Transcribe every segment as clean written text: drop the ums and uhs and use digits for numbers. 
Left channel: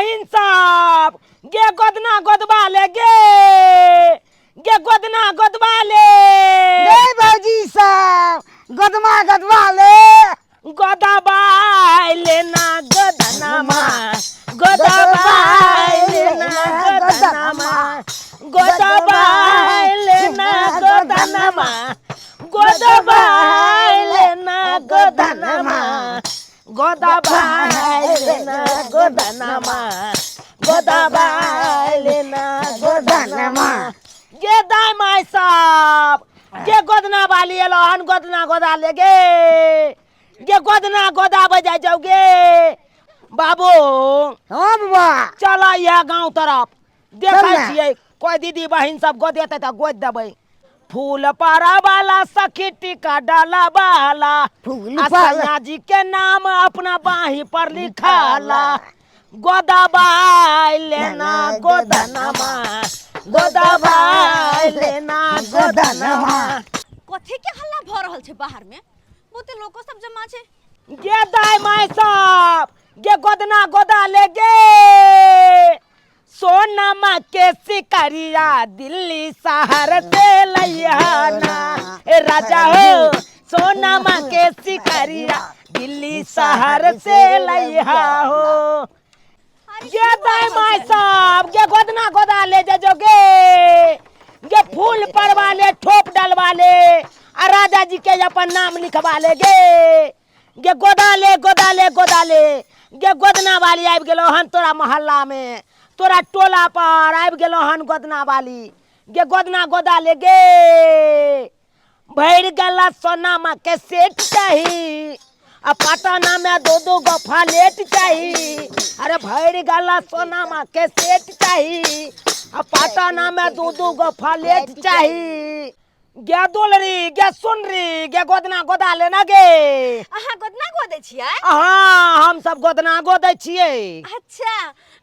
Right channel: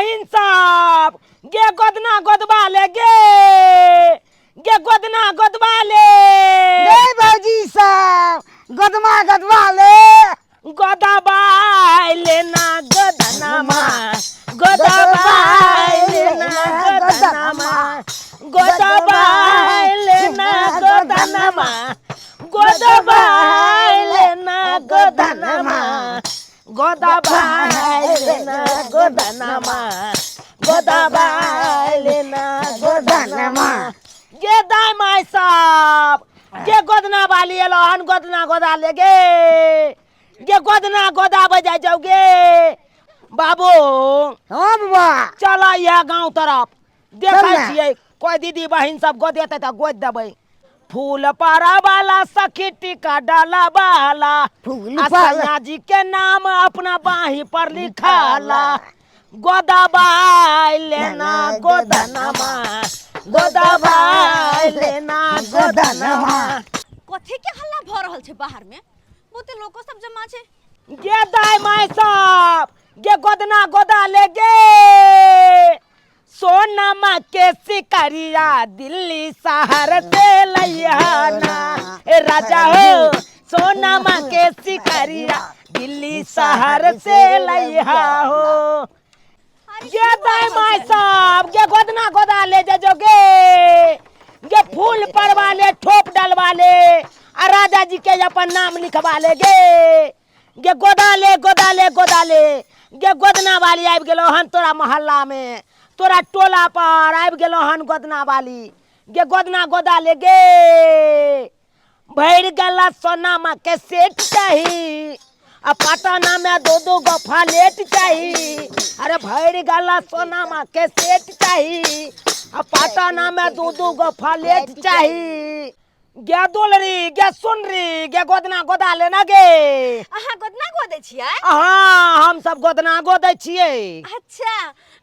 बहिन साहब गे गोदना गोदबा ले गे गोदना गोदबा ले गे भौजी साहब गोदमा गोदबा ले गोदबा लेना गोदनामा गोदबा लेना गोदनामा गोदबा लेना गोदनामा गोदबा लेना गोदनामा गोदबा लेना गोदनामा गोदबा लेना गोदनामा गे दाई माई साहब गे गोदना वाली एलोहन गोदना गोदा ले गे गोदना गोदा बजा जाओ गे बाबू। हाँ बाबा चला यह गांव तरफ देखै छियै कोई दीदी बहिन सब गोदेते त गोद देबै। फूल पारा वाला सखी टीका डाला वाला फूल सैया जी के नाम अपना बाही पर लिखाला गोदबा लेना गोदनमा गोदबा लेना गोदनमा। कथी के हल्ला भ रहल छै बाहर में? बहुते लोको सब जमा छै। गे दाई माई साहब गे गोदना गोदा ले गे सोनमा के सिकरिया दिल्ली शहर से लैयाना ए राजा हो सोनमा के सिकरिया दिल्ली शहर से लैया हो। गे दाई माई साहब गे गोदना गोदा ले जो गे फूल परवा ले ठोप डलवा ले आ राजा जी के अपन नाम लिखवा ले गे गोदा ले गोदा ले गोदा ले गे गोदना वाली आबि गेलो हन तोरा मोहल्ला में तोरा टोला पर आबि गेलो हन गोदना वाली गे गोदना गोदा ले गे भैर गला सोनामा के सेट चाही आ पटना में दो गो फ्लैट चाही। अरे भैर गला सोनामा के सेट चाही आ पटना में दो गो फ्लैट चाही। गे दुलरी गे सुनरी गे गोदना गोदा लेना गे। अहाँ गोदना गोदै छियै? हाँ हम सब गोदना गोदै छियै। अच्छा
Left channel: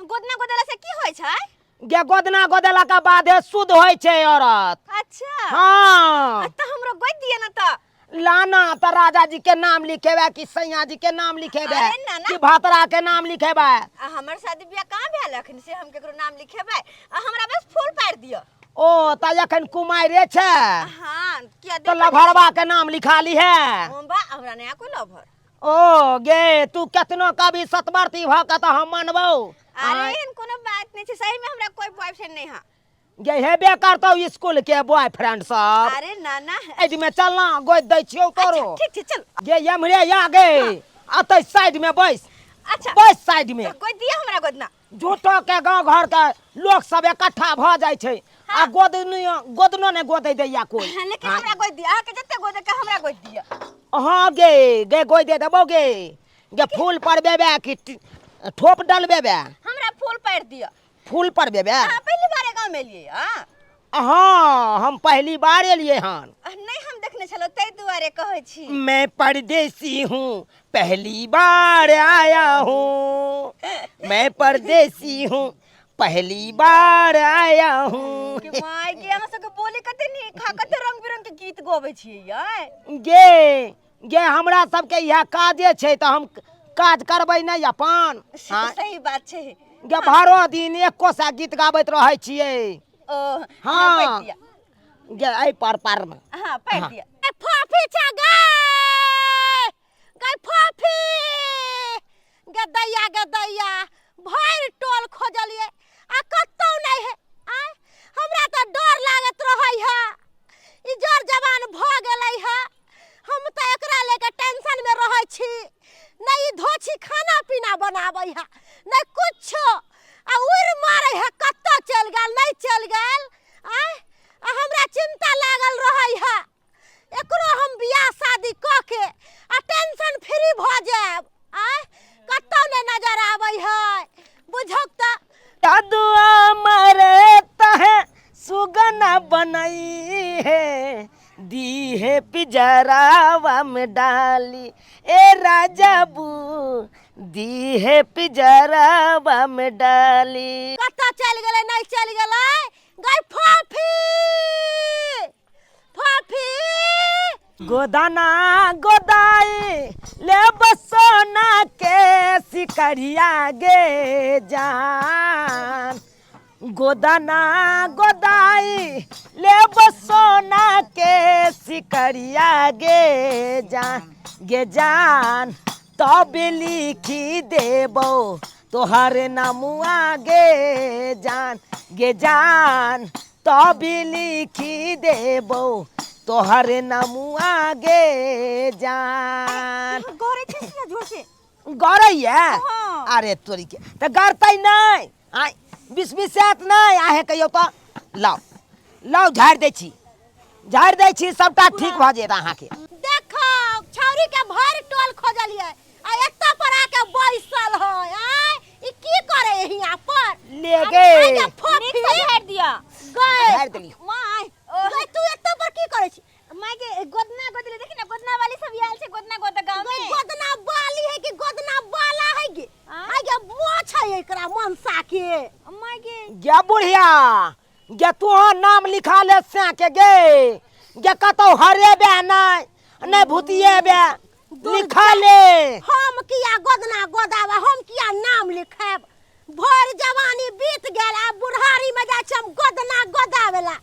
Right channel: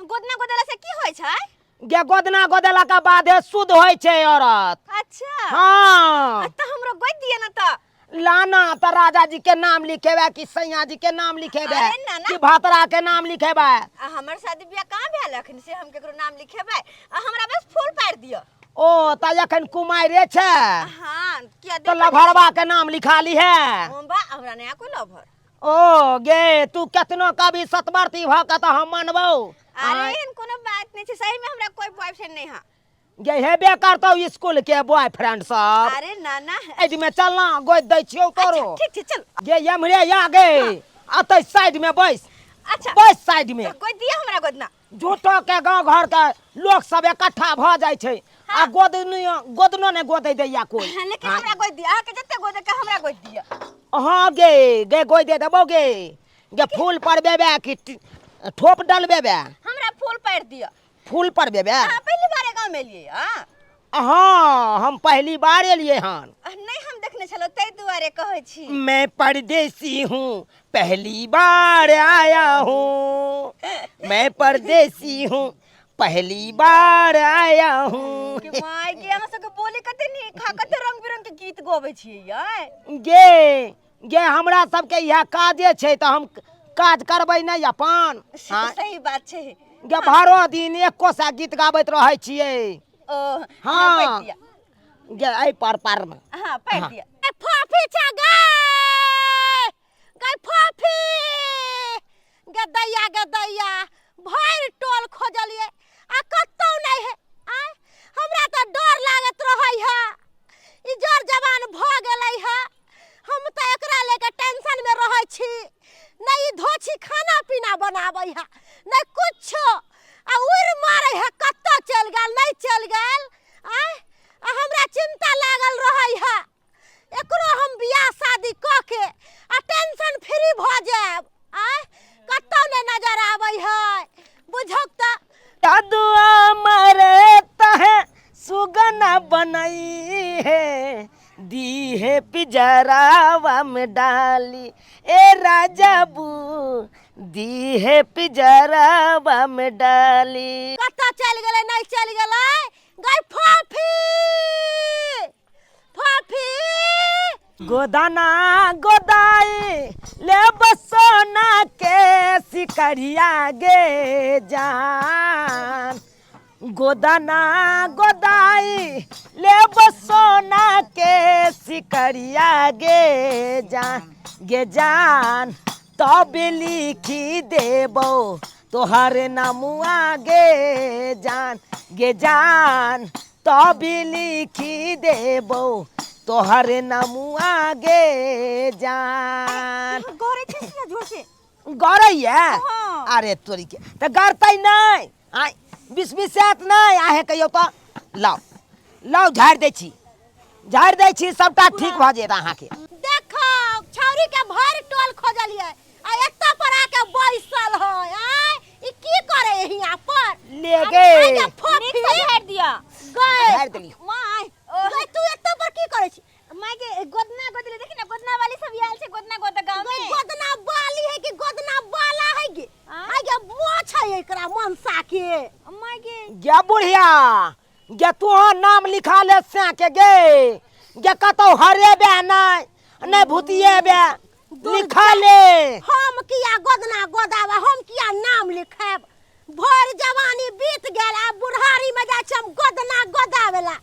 गोदना गोदेला से की होय छै? गे गोदना गोदेला के बाद शुद्ध होय छै औरत। अच्छा हाँ त हमरो गोद दिए न त। लाना त राजा जी के नाम लिखेबे कि सैया जी के नाम लिखेबे अरे ना ना। कि भातरा के नाम लिखेबे। हमर शादी बियाह कहाँ भेल अखन से हम केकरो नाम लिखेबै? हमरा बस फूल पार दियो। ओ त अखन कुमारे छै हां किया तो लभरवा के नाम लिखा ली है। बा हमरा नया कोई लभर। ओ गे तू केतनो कभी सतवर्ती भ के त हम मानबो। अरे कोनो बात नहीं छै सही में हमरा कोई बॉयफ्रेंड नहीं है। गे हेबे करतौ स्कूल के बॉयफ्रेंड सब। अरे ना ना एज में चलना गोद दै छियौ तोरो। ठीक छै चल। गे यमरे या गे अतै साइड में बैस। अच्छा बैस साइड में। गोद दिया हमरा गोदना। झूठो के गांव घर के लोग सब इकट्ठा भ जाय छै आ गोदनो ने गोदै दैया कोई। लेकिन हमरा गोद दिया आके जत्ते गोद के हमरा गोद दिया। हां गे गोद दे देबो गे फूल पर बेबे कि ठोप डलबेबे? हमरा फूल पार दिया। फूल पर बेबे? हां पहली बार गांव में लिए हां। हाँ हम पहली बार एलिए हन। नहीं हम देखने चलो तै दुआरे कहै छी। मैं परदेसी हूँ पहली बार आया हूँ मैं परदेसी हूँ पहली बार आया हूँ। कि माय के हम सब के बोली कते नी खा कते रंग बिरंग के गीत गाबै छियै यै। गे हमरा सबके यह काजे छै त हम काज करबै नहीं अपन। सही बात छै। गे भरो दिन एको सा गीत गाबैत रहै छियै। ओ हाँ गे ऐ पर में। हां पार दिया। ए फाफी छ गे फाफी गे दैया भर टोल खोजलिए आ कतौ नहीं है। आ हमरा त डर लागत रहै है ई जोर जवान भ गेलै है हम त एकरा लेके टेंशन में रहै छी। नहीं धोछी खाना पीना बनाबै है नहीं कुछो आ उड़ मारै है कत्ता चल गेल नहीं चल गेल। आ हमरा चिंता लागल रहै है एकरो हम बियाह शादी क के आ टेंशन फ्री भ जाब। आ कत्ता ने नजर आबै है बुझक त दुआ मरता है सुगना बनाई है दी है पिजरावा में डाली ए राजा बू दी है पिजरावा में डाली। कत्ता चल गेलै नहीं चल गेलै गई फाफी फाफी गोदाना गोदाई ले बसोना के सिकरिया गे जान गोदाना गोदाई ले बसोना के सिकरिया गे जान तब लिखी देबो तोहर नामुआ गे जान तब लिखी देबो तोहर नामुआ गे जान गोरे छे जोर से गौरैया हाँ। अरे तोरी के तो गरतै नहीं आय बिस्बिसात नहीं आहे कहियो तो लाओ लाओ झाड़ दै छी सबटा ठीक भ जेत अहाँ के देखो छौरी के भर टोल खोजलिए आ एत्ता पर आके बैसल है आय ई की करे हिया पर ले गे नीक से झाड़ दिया गए झाड़ देली माय गए तू एत्ता पर की करे छी माय के गोदना गोदले देखी ना गोदना वाली सब आयल छे गोदना गोद गांव में गोदना वाली है कि गोदना वाला है गे आय गे मोछ है एकरा मनसा के माय के गे बुढ़िया गे तू नाम लिखा ले से के गे कतौ हरेबे नहीं भूतिएबे लिखा ले हम किया गोदना गोदावा हम किया नाम लिखाब भर जवानी बीत गेल आ बुढ़ारी में जा हम गोदना गोदावेला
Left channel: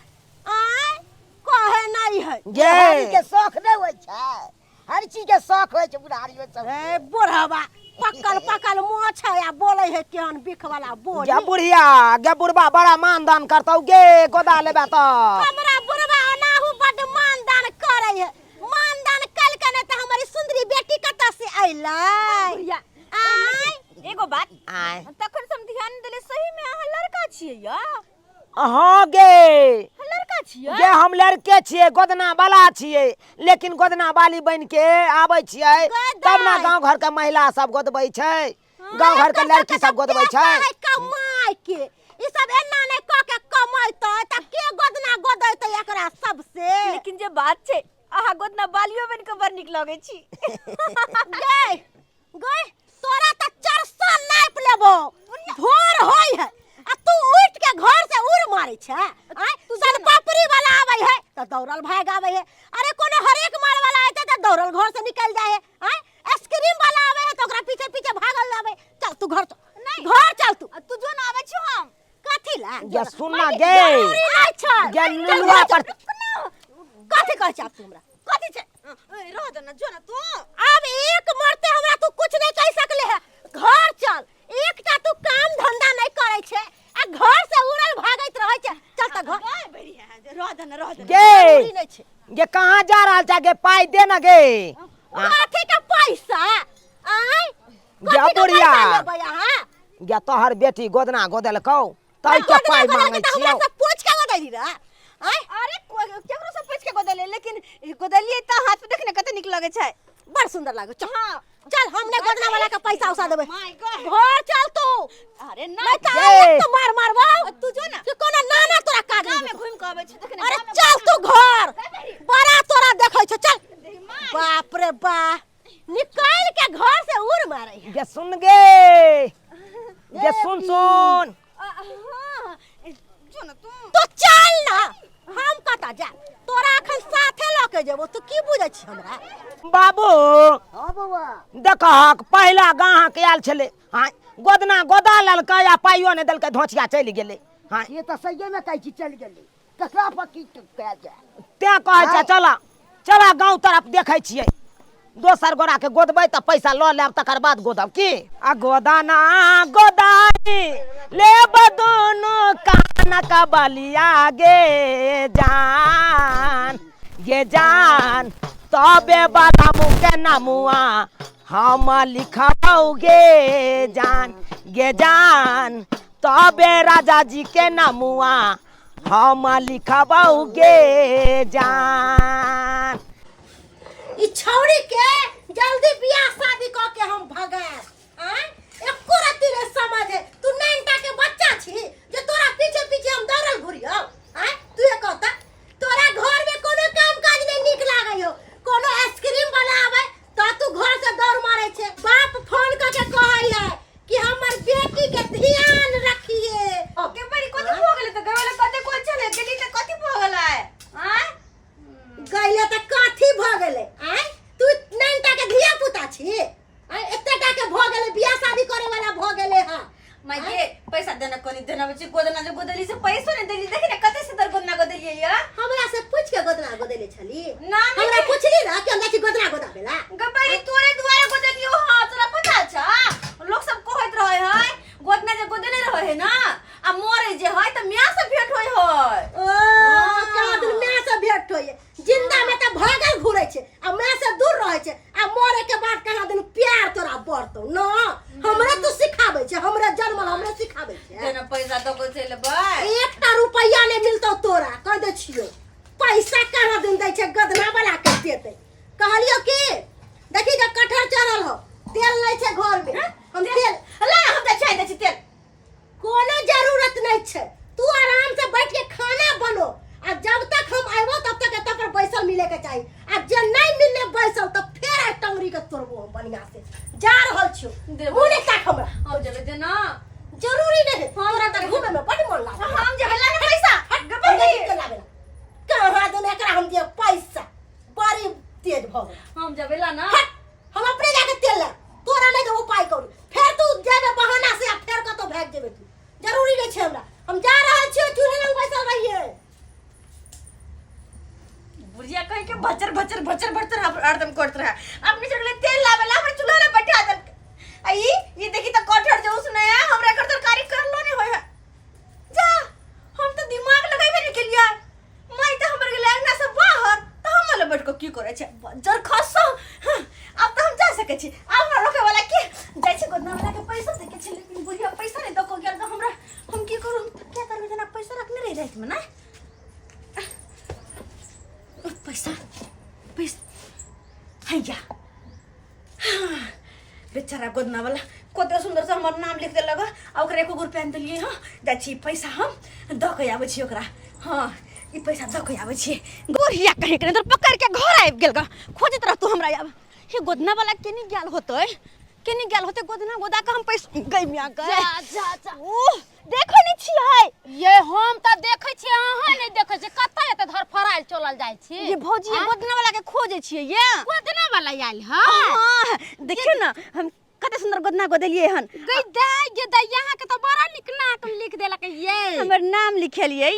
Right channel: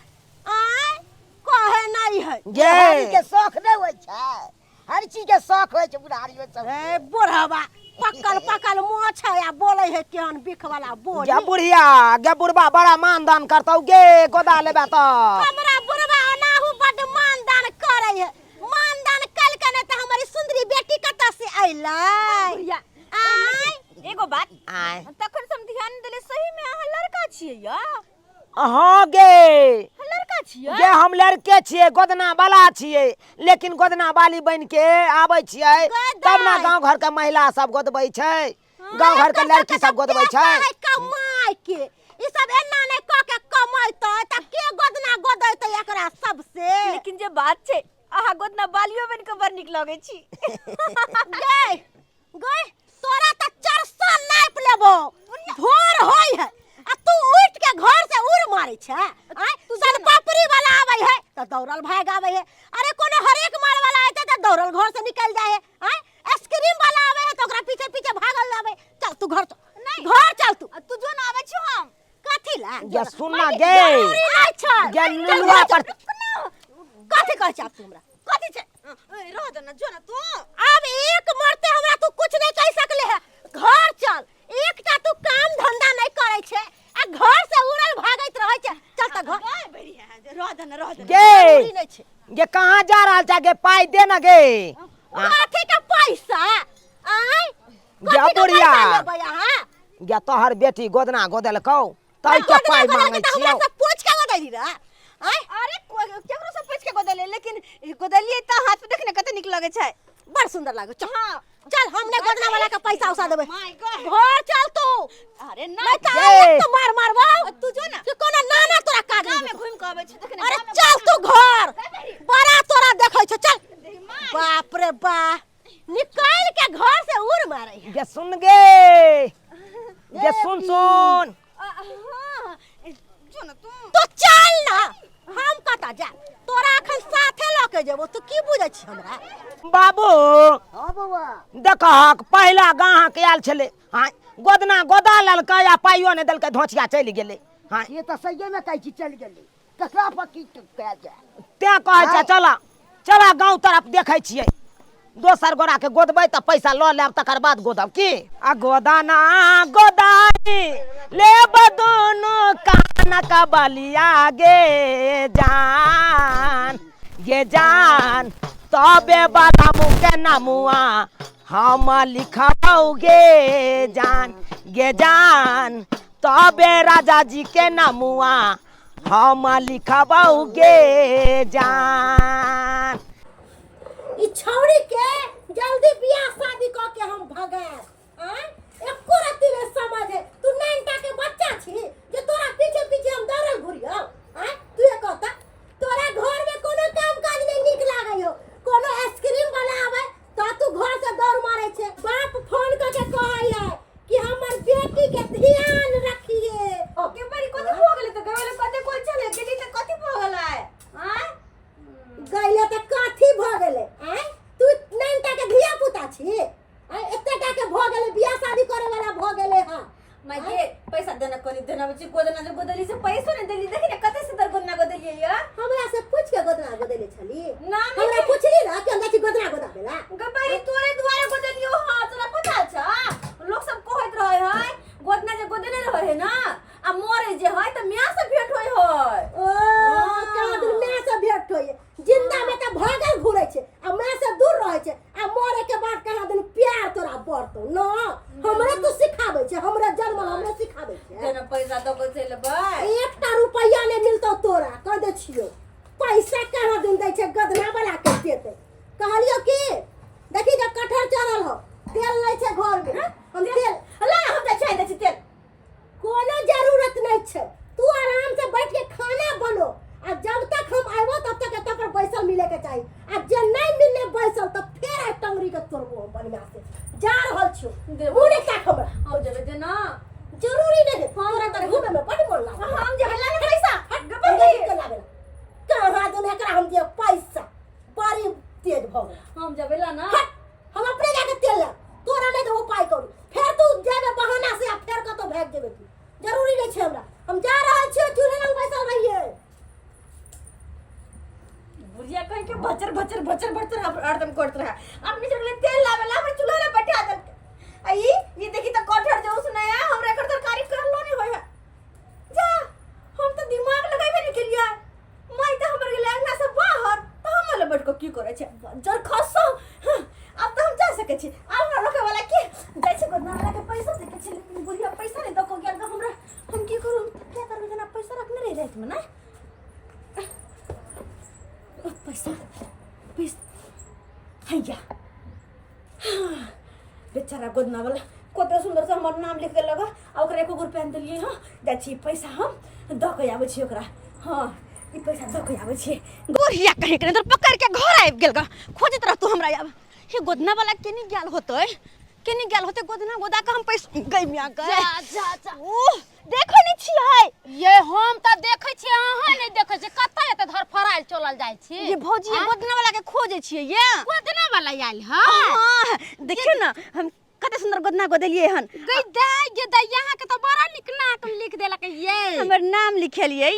आय कहे नहीं है गे के शौक नहीं होय छै हर चीज के शौक होय छै बुढ़ारी में सब ए बुढ़वा पकल मोछ है आ बोले है केहन बिख वाला बोल गे बुढ़िया गे बुढ़बा बड़ा मानदान करतौ गे गोदा लेबे तो हमरा बुढ़वा ओनाहु बड मानदान करे है मानदान कल के त हमारी सुंदरी बेटी कत से आइलै बुढ़िया आय एगो बात आय तखन से हम ध्यान देले सही में अहाँ लड़का छियै या हाँ गे लड़का छियै गे हम लड़के छियै गोदना वाला छियै लेकिन गोदना वाली बन के आबै छियै तब ना गांव घर के महिला सब गोदबै छै गांव घर के लड़की सब गोदबै छै कमाई के ई सब एना नै क के कमाइतै त के गोदना गोदैतै एकरा सबसे लेकिन जे बात छै अहाँ गोदना बालियो बन के बड़ नीक लगै छी गए गए तोरा त चरसा नाप लेबो भोर होय है आ तू उठ के घर से उड़ मारै छै आय तू सन पापड़ी वाला आबै है त दौड़ल भाग आबै है अरे कोनो हरेक माल वाला आइते त दौड़ल घर से निकल जाय है आय आइसक्रीम वाला आबै है त ओकरा पीछे पीछे भागल जाबै चल तू घर नहीं घर चल तू जो ना आबै छी हम कथि ला गे सुन ना गे अच्छा गे लुलुआ पर कथि कहै छ हमरा कथि छै रह दे ना जो ना तू अब एक मरते हमरा तू कुछ नहीं कह सकले है घर चल एकटा तू काम धंधा नहीं करे छे आ घर से उड़ल भागैत रहै छे चल त घर बढ़िया रह दे ना गे नहीं छे गे कहां जा रहल छ गे पाई दे ना गे कथि के पैसा आय गे बुढ़िया लेबै अहाँ गे तोहर बेटी गोदना गोदलकौ तै के पाई मांगै छियौ हमरा से पूछ के गोदैली रे आय अरे केकरो से पूछ के गोदले लेकिन गोदलिए त हाथ पे देखने कते नीक लगे छै बड़ सुंदर लागो चल हां चल हमने गोदना वाला का पैसा उसा देबै माय गॉड घर चल तू अरे नहीं ना त गे। तो मार मारबो तू जो ना कि कोनो नाना तोरा काज गांव नहीं में घूम के आबै छै देखने अरे चल तू घर बड़ा तोरा देखै छ चल बाप रे बा निकाल के घर से उड़ मारै है गे सुन गे सुन हां जो ना तू तो चल ना हम कता जा तोरा अखन साथे ल के जेबो तू की बुझै छी हमरा बाबू हां बौआ देखहक पहिला गाहक आयल छले हां गोदना गोदा ललकै आ पाइयो ने देलकै धोचिया चलि गेलै हां ये तो सही में कहै छी चल गेली ककरा पर की कह जाय ते कहै छै चला गांव तरफ देखै छियै दोसर गोरा के गोदबै त पैसा ल लेब तकर बाद गोदब की आ गोदाना गोदाई लेब दोनों कान का बलिया गे जान तबे बड़ा मुँह के नमुआ हम लिखबौ गे जान तबे राजा जी के नमुआ हम लिखबौ गे जान ई छौड़ी के जल्दी बियाह शादी क के हम भगाए हैं एको रति रे समझ है तू नैनटा के बच्चा छी जे तोरा पीछे पीछे हम दौड़ल घुरियो हैं तू ये कहता तोरा घर में कोनो काम काज नहीं निक लागै हो कोनो आइसक्रीम वाला आवे त तू घर से दौड़ मारै छे बाप फोन क के कहै है कि हमर बेटी के ध्यान रखिए के बारी कथि हो गेलै त गवेला कते कोन चले गेली त कथि भ गेलै हैं गइले त काठी भ गेल मैं ये पैसा देना कोनी देना बच्ची गोदना जो गोदली से पैसा नहीं देली देखी ना कते से दर गोदना गोदली या हमरा से पूछ के गोदना गोदेले छली ना हमरा पूछली ना कि हमरा की गोदना गोदाबेला गबई तोरे दुआरे गोदली हो हां तोरा पता छ लोग सब कहत रहे है गोदना जे गोदले रहे है ना आ मोरे जे है त मियां से भेट होय है ओ का दिन मैं से भेट होय जिंदा में त भागल घुरे छे आ मैं से दूर रहे छे आ मोरे के बाद कहा दिन प्यार तोरा बढ़तो ना हमरा तो सिखाबे छे हमरा जन्म हमरा सिखाबे छे जेना पैसा दो को चले भाई 1 रुपया नहीं मिलतो तोरा कह दे छियो पैसा कहां दिन दै छे गदना वाला के देते कहलियो कि देखी जे कठहर चढ़ल हो तेल नहीं छे घर में हम तेल ला हम त चाहि दे तेल कोनो जरूरत नहीं छे तू आराम से बैठ के खाना बनो आ जब तक हम आइबो तब तक एत पर बैसल मिले के चाहिए आ जे नहीं मिलने बैसल त फेर आ टंगरी के तोड़बो बढ़िया से जा रहल छियो उने तक हमरा हम जबे दे ना जरूरी नहीं तोरा त घूमे में बड़ मन लागे हम जबे ला पैसा गबर नहीं के लावेला कहां दे एकरा हम दिए पैसा बड़ी तेज भ गए हम जबे ला ना हम अपने जाके तेल ला तोरा नहीं तो उपाय करू फिर तू जेबे बहाना से आ फिर कतो भाग जेबे तू जरूरी नहीं छे हमरा हम जा रहल छियो चूल्हे लग बैसल रहिए बुढ़िया कहीं के बचर बचर बचर बचर हरदम करत रहा अपनी चढ़ले तेल लावेला हमरे चूल्हा रे बैठा दे आई ये देखी त कठहर जो सुनाया हमरा कर तरकारी कर लो नहीं होय है जा हम तो दिमाग लगाइबे नहीं केलिया मैं तो हमर गेल अंगना से बाहर तो हम ले बैठ के की करे छे जर खसो अब तो हम जा सके छी अब हमरा रोके वाला के जाय छे गोदना वाला के पैसा दे के छे लेकिन बुढ़िया पैसा नहीं दको गेल तो हमरा हम की करू क्या करबे जना पैसा रखने रही रात में ना पैसा पैसा हैया बेचारा गोदना वाला कते सुंदर से हमर नाम लिख देलक आ ओकरा 1 रुपया पहन देलिए हां जाइ छी पैसा हम द के आबै छी ओकरा हां ई पैसा द के आबै छी गोरिया कहीं के अंदर पकड़ के घर आबि गेल ग खोजत रह तू हमरा आब हे गोदना वाला केनी गेल होतै केनी गेल होतै गोदना गोदा के हम पैसा गइमिया गए जा जा ओ देखै नै छियै ये हम त देखै छी अहाँ नहीं देखै छी कतै एते धर फराइल चलल जाय छी ये भौजी ये गोदना वाला के खोजे छियै ये गोदना वाला आइल ह हां देखियो ना हम कते सुंदर गोदना गोदेलिए हन गई दाई गे दाई यहाँ के तो बड़ा निक नाम लिख देलक ये हमर नाम लिखेलिए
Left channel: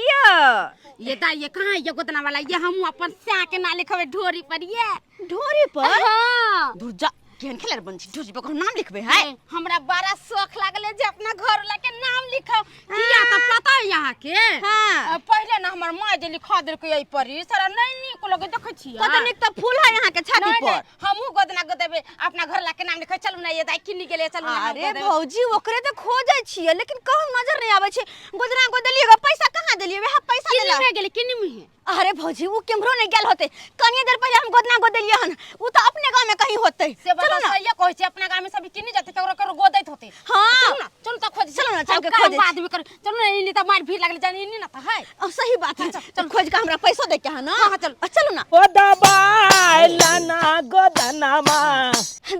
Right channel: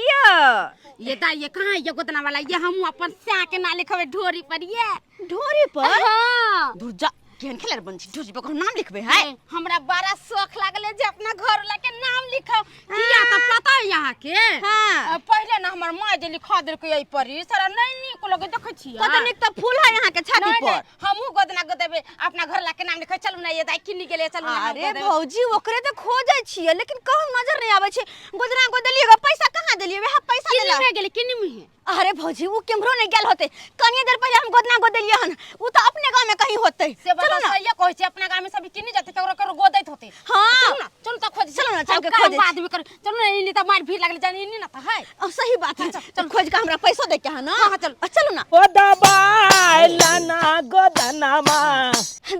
ये दाई ये कहां ये गोदना वाला ये हम अपन स्या के ना लिखबे ढोरी पर ये ढोरी पर हां दूर जा केहन खेलर बन छी ढोरी पर नाम लिखबे है हमरा बड़ा शौक लागले जे अपना घर वाला के नाम लिखो किया तो पता है यहाँ के हां पहले ना हमर मां जे लिखा देलकै एई पर सारा नहीं निक लगे देखै छियै कते निक त फूल है यहाँ के छाती पर हमहु गोदना गोदेबे अपना घर ला के नाम लिखै चलू ना ये दाई किनी गेले चलू ना अरे भौजी ओकरे त खोजै छियै लेकिन कहूं नजर नहीं आबै छै गोदना गोदेलिएगा पैसा कहां देलिए वह पैसा देला किनी गेले किनी में अरे भौजी वो केमरो नहीं गेल होते कनिए देर पहले हम गोदना गोदेलिए हन वो तो अपने गांव में कहीं होते चलो ना ये कहै छै अपना गांव में सब किनी जाते ककरो ककरो गोदैत होते हां चलो ना चलो त खोज चलो ना चल के खोज बाद में कर चलो ना इनी त मार भीड़ लागले जानी इनी ना त है सही बात है चल खोज के हमरा पैसा दे के है ना हां चलो ना ओ दबाइलना गोदनमा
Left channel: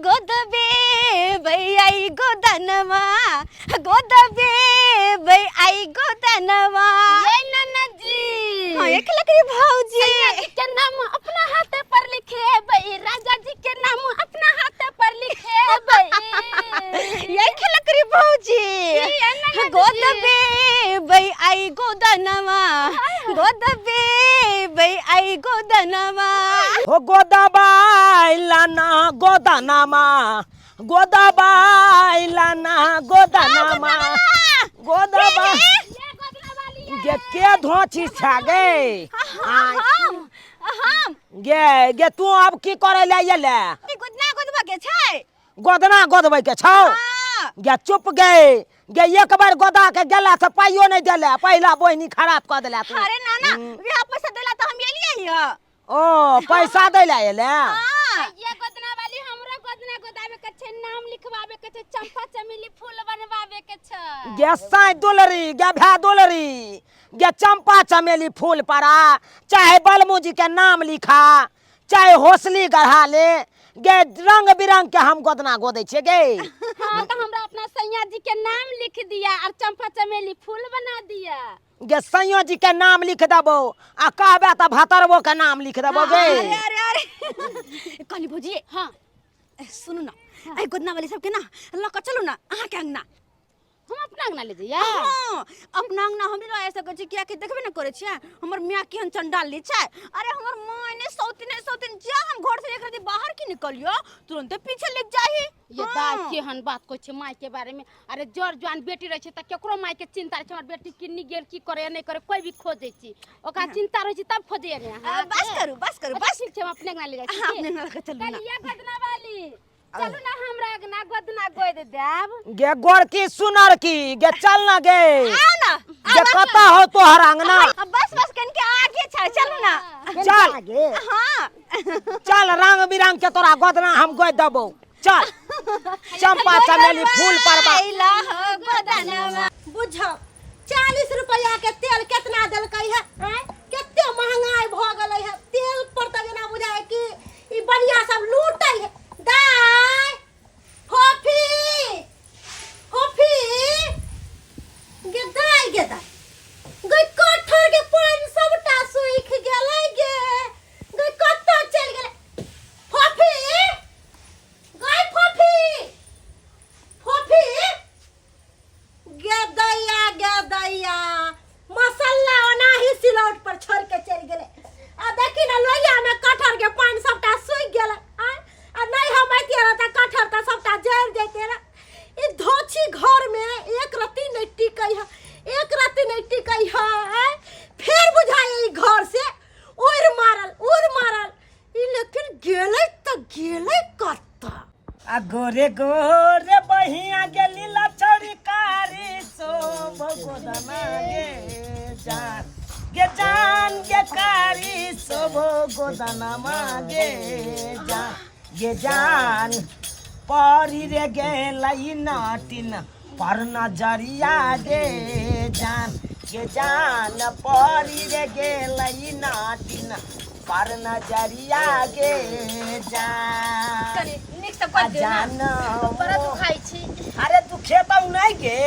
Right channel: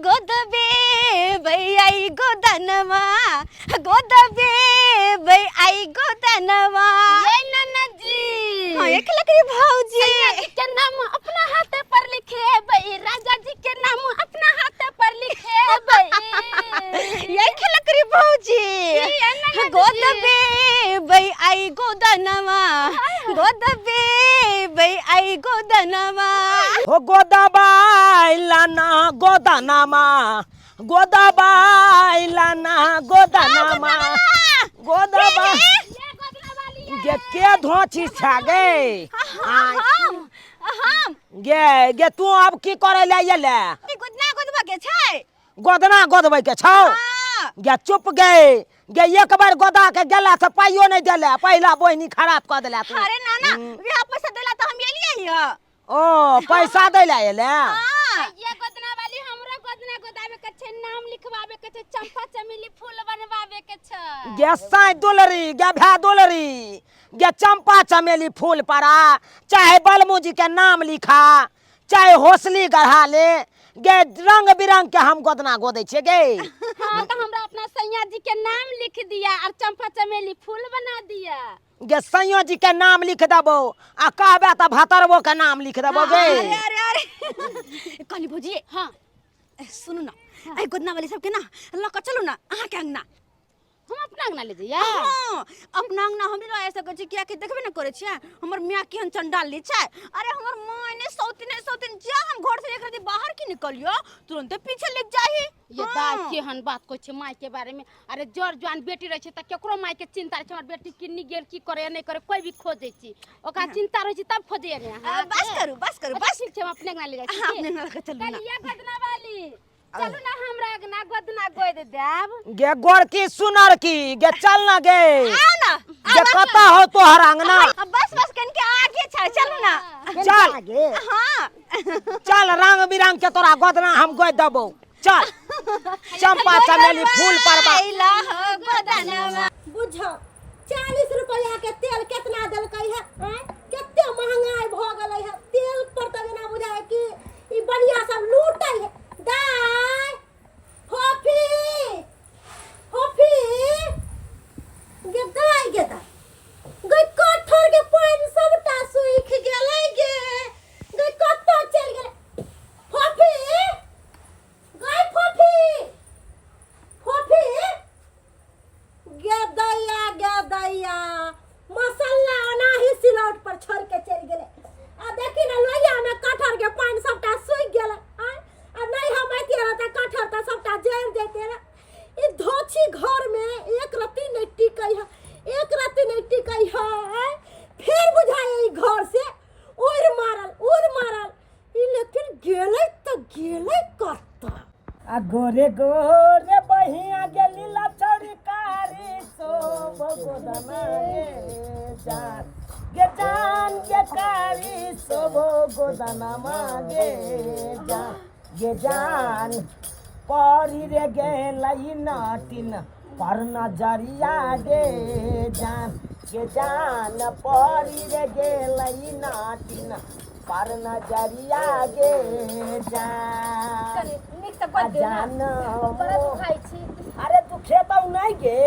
गोदबे भई गोदनमा गोदबे भई गोदनमा ये ननजी हां एक लकड़ी भौजी के नाम अपना हाथ पर लिखे भाई राजा जी के नाम अपना हाथ पर लिखे भाई ये लकड़ी भौजी गोदबे भई गोदनमा गोदबे भई गोदनमा हो गोदबाइलना गोदनमा गोदबाइलना गोदनमा गोदबा गे के धोची छागे हम गे गे तू अब की करे ले येले गोदना गोदबा के छै गोदना गोदबै के छौ हां गे चुप गे गे एक बार गोदा के गेला से पाइयो नहीं देले पहिला बोहनी खराब कर देला तू अरे नाना यह पैसा देला त हम एलिए हिया ओ पैसा देला येले हां ये गोदना वाली हमरा गोदना गोदावे के छै नाम लिखवावे के छै चंपा चमेली फूल बनवावे के छै गे साई दुलरी गे भै दुलरी गे चंपा चमेली फूल पड़ा चाहे बलमुजी के नाम लिखा चाहे हौसली गढ़ा ले गे रंग बिरंग के हम गोदना गोदै छे गे हां तो हमरा अपना सैया जी के नाम लिख दिया और चंपा चमेली फूल बना दिया गे सैया जी के नाम लिख देबो आ कहबे त भतरबो के नाम लिख देबो गे अरे काली भौजी हां सुनु ना आई गोदना वाली सब के ना लक चलू ना अहाँ के अंगना हम अपना अंगना ले जइया हां अपना अंगना हमरे रह ऐसा कछ किया के देखबे न करे छै हमर मियां केहन चंडाल ली छै अरे हमर मां ने सौतिन जा हम घर से एक रति बाहर की निकलियो तुरंत पीछे लग जाही ये दाई केहन बात कहै छै माय के बारे में अरे जर जवान बेटी रहे छै त केकरो माय के चिंता रहे छै हमर बेटी किन्नी गेल की करे नहीं करे कोई भी खोजै छी ओका चिंता रहे छै तब खोजै ने बस करू बस ठीक छै हम अपने अंगना ले जाइ छी अपने अंगना के चलू ना कलिया गदना वाली चलू ना हमरा अंगना गदना गोय दे देब गे गोर की सुनर की गे चल ना गे आओ ना गे कता हो तोहर अंगना बस कन के आगे छै चलू ना चल हां चल रंग बिरंग के तोरा गोदना हम गोद देबो चल चंपा चमेली फूल परबा ला हो गदनवा बुझो 40 रुपया के तेल कितना देलकै है केते महंगाई भ गेलै है तेल पर त ना बुझाय कि ई बढ़िया सब लूटै है दाई फोफी गे दाई गे कठर के पानी सबटा सुख गेलै गे कत्ता चल गेलै फोफी गे दैया मसाला ओनाही सिलौट पर छोड़ के चल गेलै आ देखी ना लोहिया में कठर के पानी सबटा सूख गेलै आ नहीं हम ऐतिए रह त कठर त सबटा जर जैते रे ई धोछी घर में एक रत्ती नहीं टिकै है फिर बुझाय ई घर से उड़ मारल ई लेकिन गेलै त गेलै कत्ता आ गोरे गोरे बहिया गेली लचड़ी कारी सो भगोदना गे जान गे कारी सो भगोदना मागे जान परी रे गेलै नाटिन पर नजरिया गे जान परी रे गेलै नाटिन पर नजरिया गे जान अरे तू खेतौ नहीं गे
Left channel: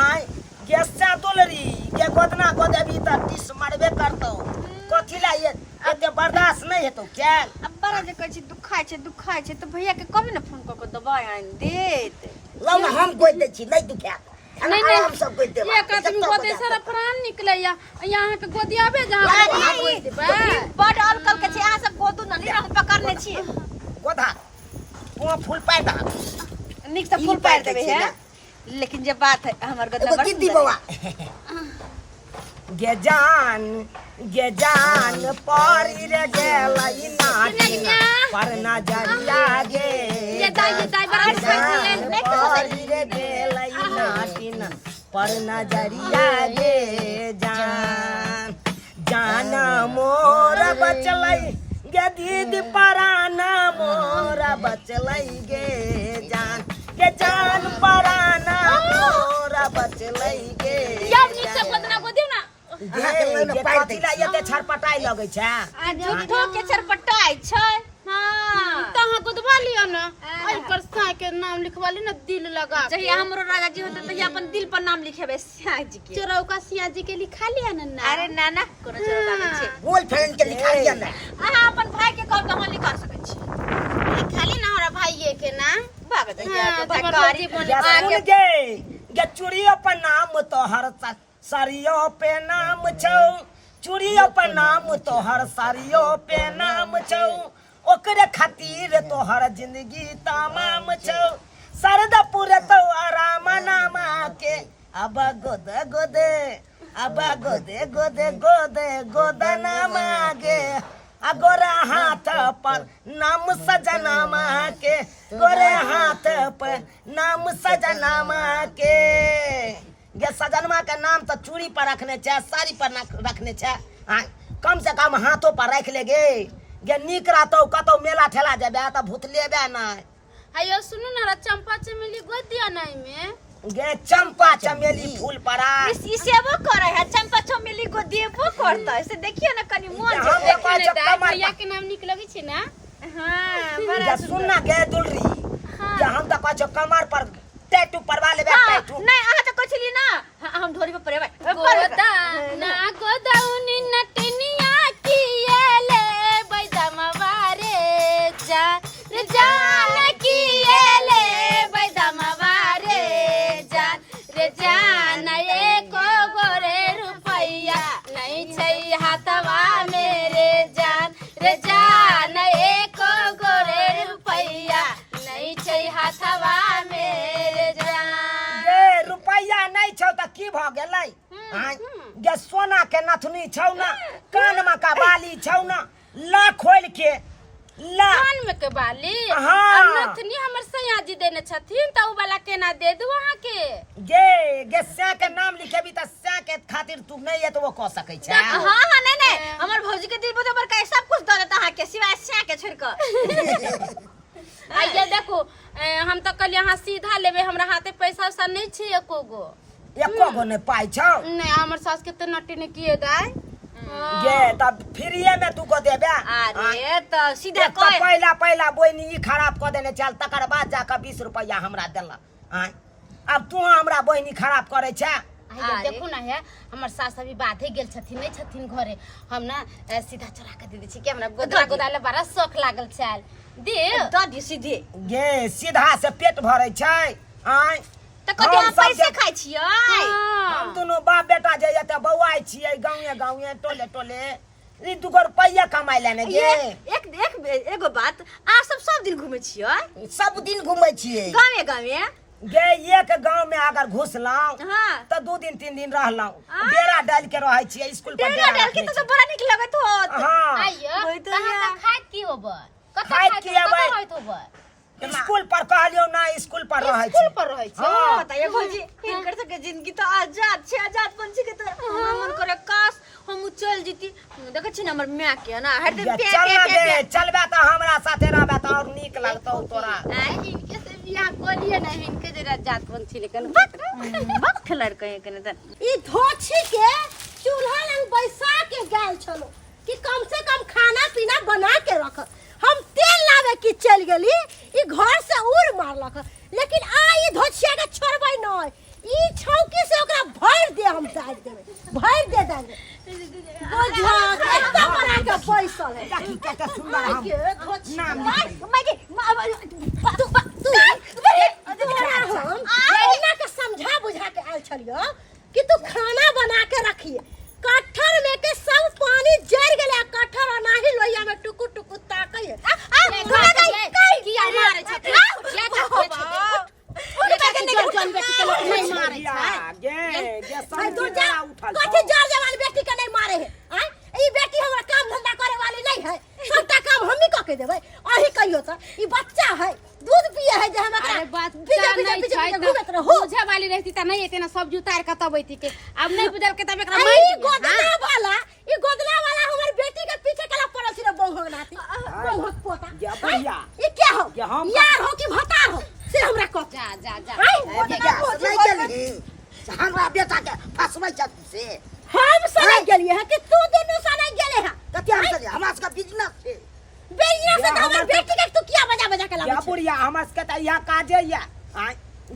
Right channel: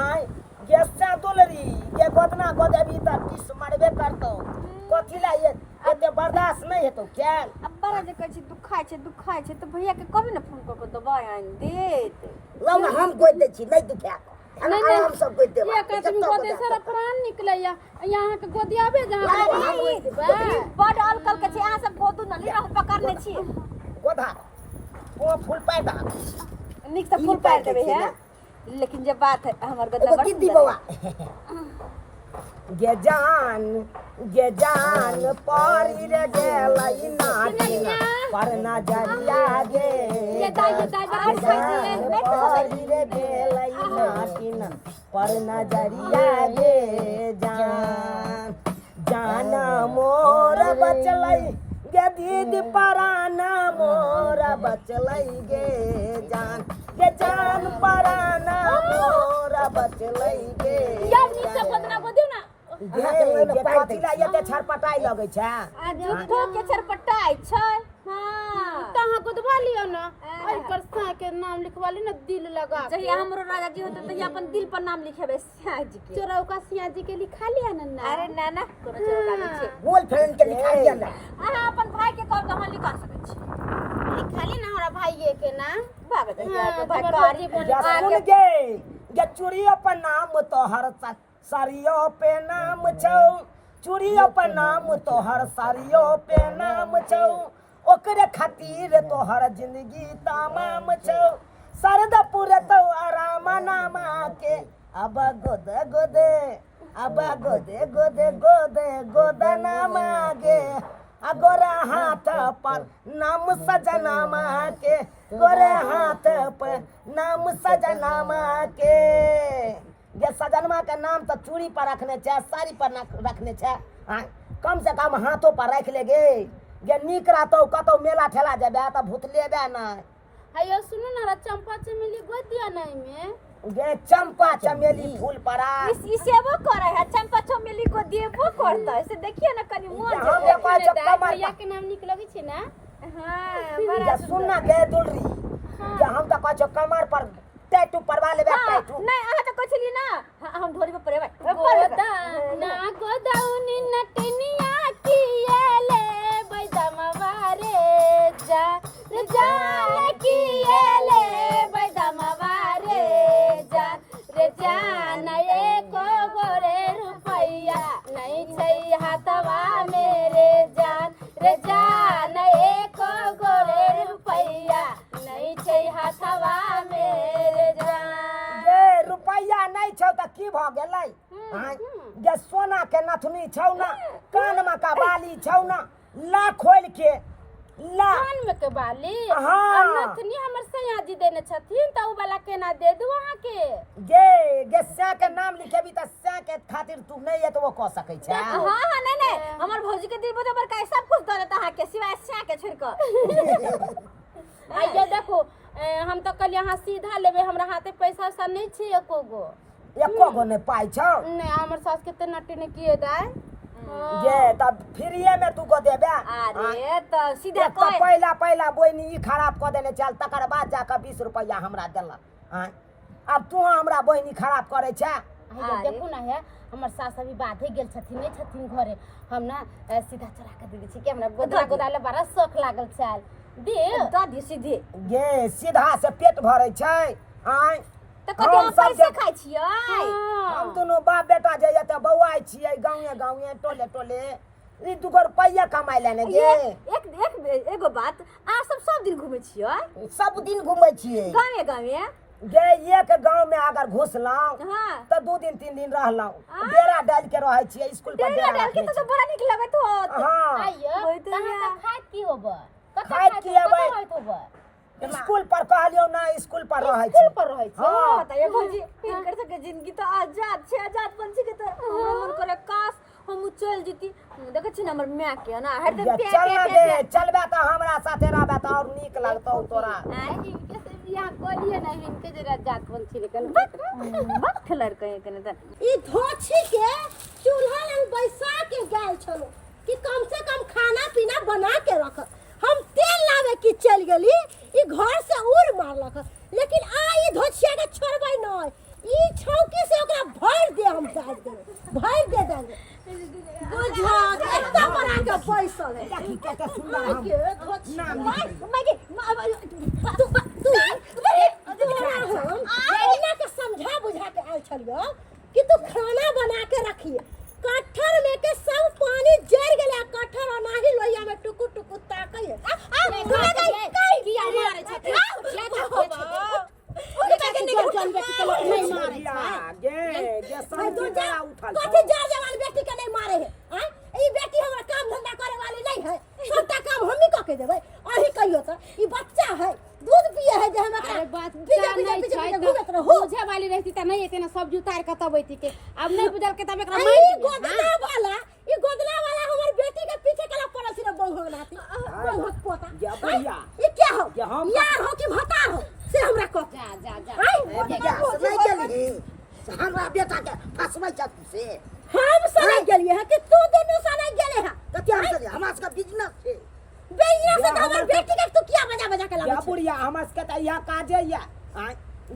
आय गे से दुलरी गे गोदना गोदेबी त टिस मारबे करतौ कथि ला ये एते बर्दाश्त नहीं हेतौ क्या अब बड़ा जे कहै छै दुखाय छै त भैया के कभी न फोन क के दवाई आन देत लौ ना हम गोद दै छी नहीं दुखा नहीं हम सब गोद देबा ये कहत गोदे से प्राण निकले या यहाँ के गोदियाबे जहां गोद देबे बड़ अलकल के छै अहाँ सब गोदू न नहीं हम पकड़ने छी गोधा वो फूल पाइ दा निक से फूल पार देबे है लेकिन जे बात है हमर गदना गिद्दी बवा गे जान परी रे गेलै नाटिन पर नजरिया गे परी रे गेलै नाटिन पर नजरिया गे जान मोर बचलै गे दीदी पराना मोर बचलै गे जान पराना मोर बचलै गे कथिला एते छरपटाई लगै छै आ झूठो के छरपटाई छै हां तहां गोदवा लियो ना आई पर साय के नाम लिखवा ली ना दिल लगा जहिया हमरो राजा जी होते तहिया अपन दिल पर नाम लिखेबे सिया जी के चरौका सिया जी के लिखा लिया ना अरे नाना कोनो चरौका नहीं छै बोल फ्रेंड के लिखा दिया ना अहाँ अपन भाई के कह कहां लिखा सकै छी खाली ना हमरा भाईये के ना भागत गरीब या सुन गे चूड़ियों पर नाम तोहर साड़ियों पे नाम छौ चूड़ियों पर नाम तोहर साड़ियों पे नाम छौ ओकरे खातिर तोहर जिंदगी तमाम छौ सरदा पूरे तो आराम नामा के अब गोदना मागे गोरे हाथ पर नाम सजना माँ के गोरे हाथ पर नाम सजना माँ के गे सजनमा के नाम तो चूड़ी पर रखने छे साड़ी पर रखने छे कम से कम हाथों पर रख ले गे नीक रहतौ कतौ मेला ठेला जेबे त भूत लेबे ना अयो सुनु ना चंपा चमेली गोद दिया नहीं में गे चंपा चमेली फूल परा ई सेवा करे है चंपा चमेली को देबो करता है से देखियो ना कनी मन हम देखो कमर भैया के नाम निक लगी छे ना हां गे सुन ना गे दुलरी गे हम त कहै कमर पर टैटू परवा लेबे टैटू नहीं आहा त कहली ना हम ढोरी पे परेबे गोदा ना गोदाउनी नटनिया किएले बैदमवारे जान किएले बैदमवारे जान नहीं को गोरे रुपैया नहीं छै हाथवा मेरे जान रे जान एको गोरे रुपैया नहीं छै हाथवा मेरे जान। गे रुपैया नहीं छौ त की भ गेलै आय गे सोना के नथुनी छौ ना कानमा का बाली छौ ना ला खोल के ला कान में के बाली हाँ। और नथनी हमर सैया जी देने छथिन त उ वाला केना दे दू अहाँ के। गे स्या के नाम लिखेबी त स्या के खातिर तू नहीं है तो वो कह सकै छै। हां हां नहीं हमर भौजी के दिल बुझे पर का सब कुछ द देता है के सिवाय स्या के छोड़ के। आइए देखो हम तो कल यहाँ सीधा लेबे हमरा हाथे पैसा वैसा नहीं छै एको गो ने पाई छौ नहीं हमर सास के त नटी ने किए दाई गे तब फ्रीए में तू को देबे। अरे तो सीधा एक तो पहला बोइनी ई खराब क देने चल तकर बाद जाकर 20 रुपया हमरा देला आय अब तू हमरा बोइनी खराब करे छै। आइए देखो ना है हमर सास अभी बाधे गेल छथिन नहीं छथिन घरे हम ना सीधा चला के दे दै छी कि हमरा गोदरा गोदाले बड़ा शौक लागल छल दे दी सीधे गे सीधा से पेट भरै छै आय तो कते हम पैसे खाइ छियै। हम दोनों बाप बेटा जे एते बौआइ छियै गाँवे टोले टोले ई 2 रुपया कमाइ लेने गे। एगो बात आ सब दिन घुमै छियै सब दिन घुमै छियै गाँवे गे एक गांव में अगर घुसलौं हाँ। तो 2 दिन 3 दिन रहलौं डेरा डाल के रहै छियै स्कूल पर डेरा डाल के तो बड़ा निक लगत हो। हां आइए कहां से खाइत की होबे खाइत की हेबै? होइत होबे स्कूल पर कहलियो ना स्कूल पर रहै छी स्कूल पर रहै छै हाँ। बताइए भौजी इनकर सब के जिंदगी तो आजाद छे आजाद पंछी के तरह हमरा मन करे काश हम चल जीती देखे छी ना हमर माय के ना हरदम पे चल ना गे चलबे त हमरा साथे रहबे त और नीक लगतौ तोरा। इनके से बियाह करिए ना इनके जरा जात पंछी लेकिन मत खलर कहे कने त ई धोछी के चूल्हा लंग बैसा के गाल छलो कि कम से कम खाना पीना बना के रख। हम तेल लावे की चल गेली ई घर से उड़ मारलक लेकिन आ ई धोछिया के छोड़बै नै ई छौकी से ओकरा भर दे हम डाल देबै भर दे देंगे बुझा केतना बना के पैसा है देखी केते सुंदर हम के धोछिया नाम लिख मैं के समझा बुझा के आयल छलियो कि तू खाना बना के रखिए कठर में के सब पानी जर गेले कठर नाही लोइया में टुकु टुकु ताकई किया मारे छथिन या जन बेटी के लोग नहीं मारे गे सब तू जरा जा उठल कथि जर जवान बेटी के नहीं मारे है हैं ई बेटी हमरा काम धंधा करे वाली नहीं है सबटा काम हम ही क के देबै अही कहियो त ई बच्चा है दूध पिए है जे हम अरे एकरा बच्चा नहीं छै घुमत रहो बुझे वाली रहती त नहीं एते ना सब जुतार के तबैती के अब नहीं बुझल के तब एकरा ई मार गोदना वाला हमर बेटी के पीछे कला पड़ल छी रे बंघक नाती बंघक पोता या भैया ई क्या हो क्या हम यार हो कि भता हो से हमरा कह जा जा जा नहीं गेली हमरा बेटा के फसबै छ से हम सने गेलिए है कि तू दोनों सने गेले है कते हम से हमरा सबका बिजनेस छै बेइया से हमर बेटी के तू किया बजा के या लाबै बुढ़िया हमरा सबके त यह काजे या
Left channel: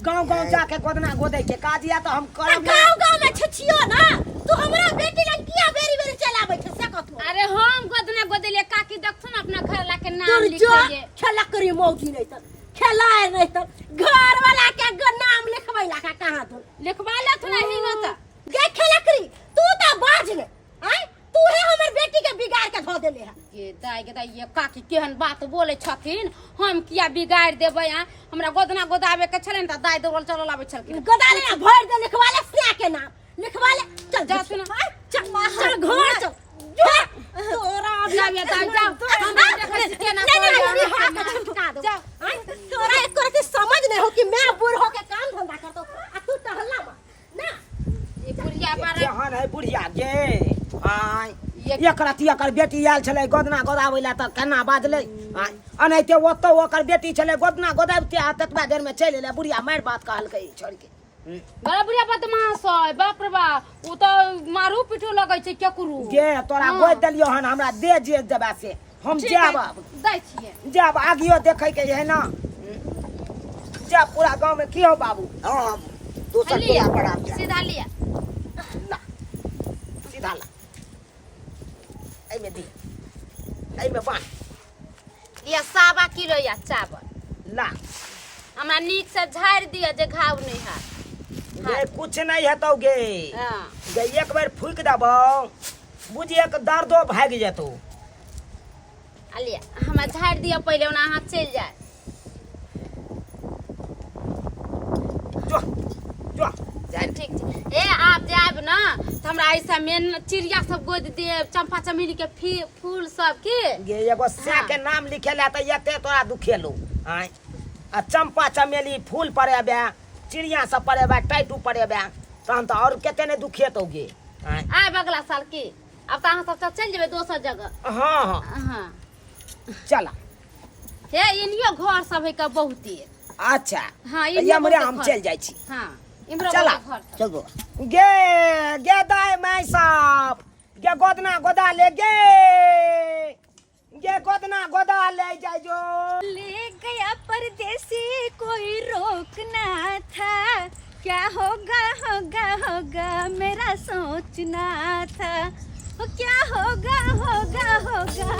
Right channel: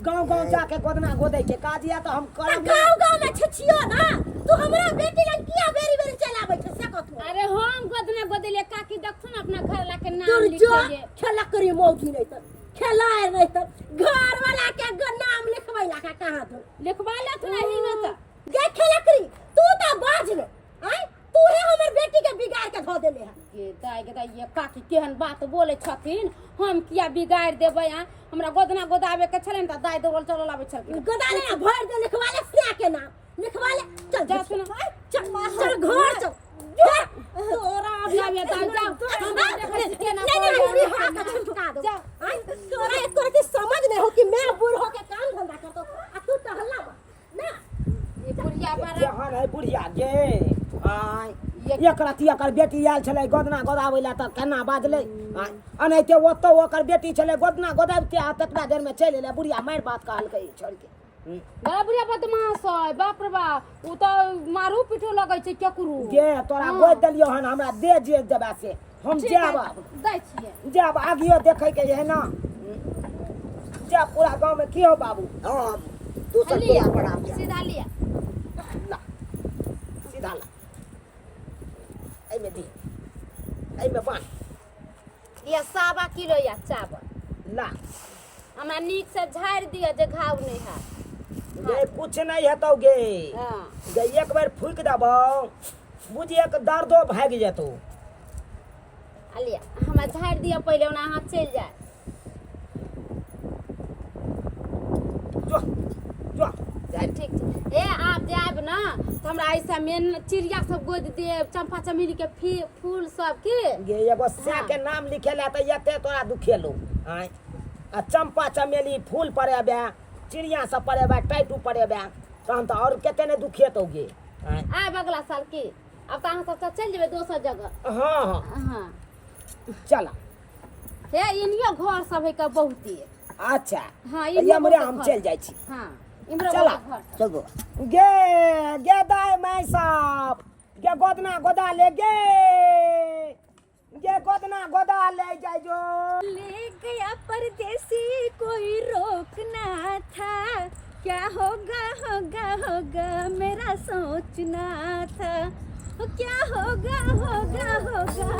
गांव जाके गोदना गोदै के काज या त हम करब गांव में छिछियो ना तू हमरा बेटी लग किया बेरी चलाबै छ से कथु अरे हम गोदना गोदलिए काकी देखथुन अपना घर ला के नाम तू लिख जो लिए खेलकरी मौगी नहीं त खेलाए नहीं त घर वाला के नाम लिखबै ला का कहां तू लिखवा ले थोड़ा ही होता गे खेलकरी तू त बाज ले हैं तू है हमर बेटी के बिगाड़ के धो देले है के दाई ये काकी केहन बात बोले छथिन हम किया बिगाड़ देबै आ हमरा गोदना गोदावे के छलन त दाई दौड़ल चलल आबै छलखिन गदाले ना भर दे लिखवा ले स्या के नाम लिखवा ले चल जा सुन चल घर चल तोरा अब लावे दाई जा हम देखै छी केना नहीं हाथ का छटका दो तोरा एक करके समझ नहीं हो कि मैं बूढ़ हो के काम धंधा करतो आ तू टहला ना ये बुढ़िया पर केहन है बुढ़िया गे आय एक रति एकर बेटी आयल छलै गोदना गोदाबै ला त केना बाजलै आय अनैते ओतौ ओकर बेटी छलै गोदना गोदाबते आ ततबा देर में चलि एलै बुढ़िया मारि बात कहलकै छोड़ के बड़ा बुढ़िया बदमाश है बाप रे बाप उ त मारू पिटो लगै छै केकरू गे तोरा गोद देलियो हन हमरा दे जे देबा से हम जाब दै छिए जाब आगियो देखै के है ना जा पूरा गांव में की हो बाबू हां दोसर पूरा पड़ा सीधा लिया ला सीधा ला आई में दी आई में बांध ये 1.25 किलो या चावल ला हमरा नीक से झाड़ दिया जे घाव नहीं है गे कुछ नहीं हेतौ गे हाँ। गे एक बेर फूक देबौ बुझिए के दर्दो भाग जेतौ। अलिया हमरा झाड़ दिया पहले ओना हाथ चल जाए। जो जो ठीक छै। ए आप जाब ना तो हमरा ऐसा मेन चिड़िया सब गोद दे चंपा चमेली के फूल सब के गे एगो से के नाम लिखेला त एते तोरा दुखेलो आय आ चंपा चमेली फूल पड़ेबे चिड़िया सब पड़ेबे टाइटू पड़ेबे तहन त और केते ने दुखेतौ गे आय आब अगला साल की अब तो अहाँ सब चल जेबै दोसर जगह। हाँ हाँ हाँ चला हे इनियो घर सब है का बहुते। अच्छा हाँ ये हमरे हम चल जाय छी। हाँ इमरो चला घर सब। चल गो गे गे दाय माय साहब गे गोदना गोदा ले गे गोदना गोदा ले जाय जो। ले गया परदेसी कोई रोकना था, क्या होगा होगा होगा मेरा सोचना था, क्या होगा होगा होगा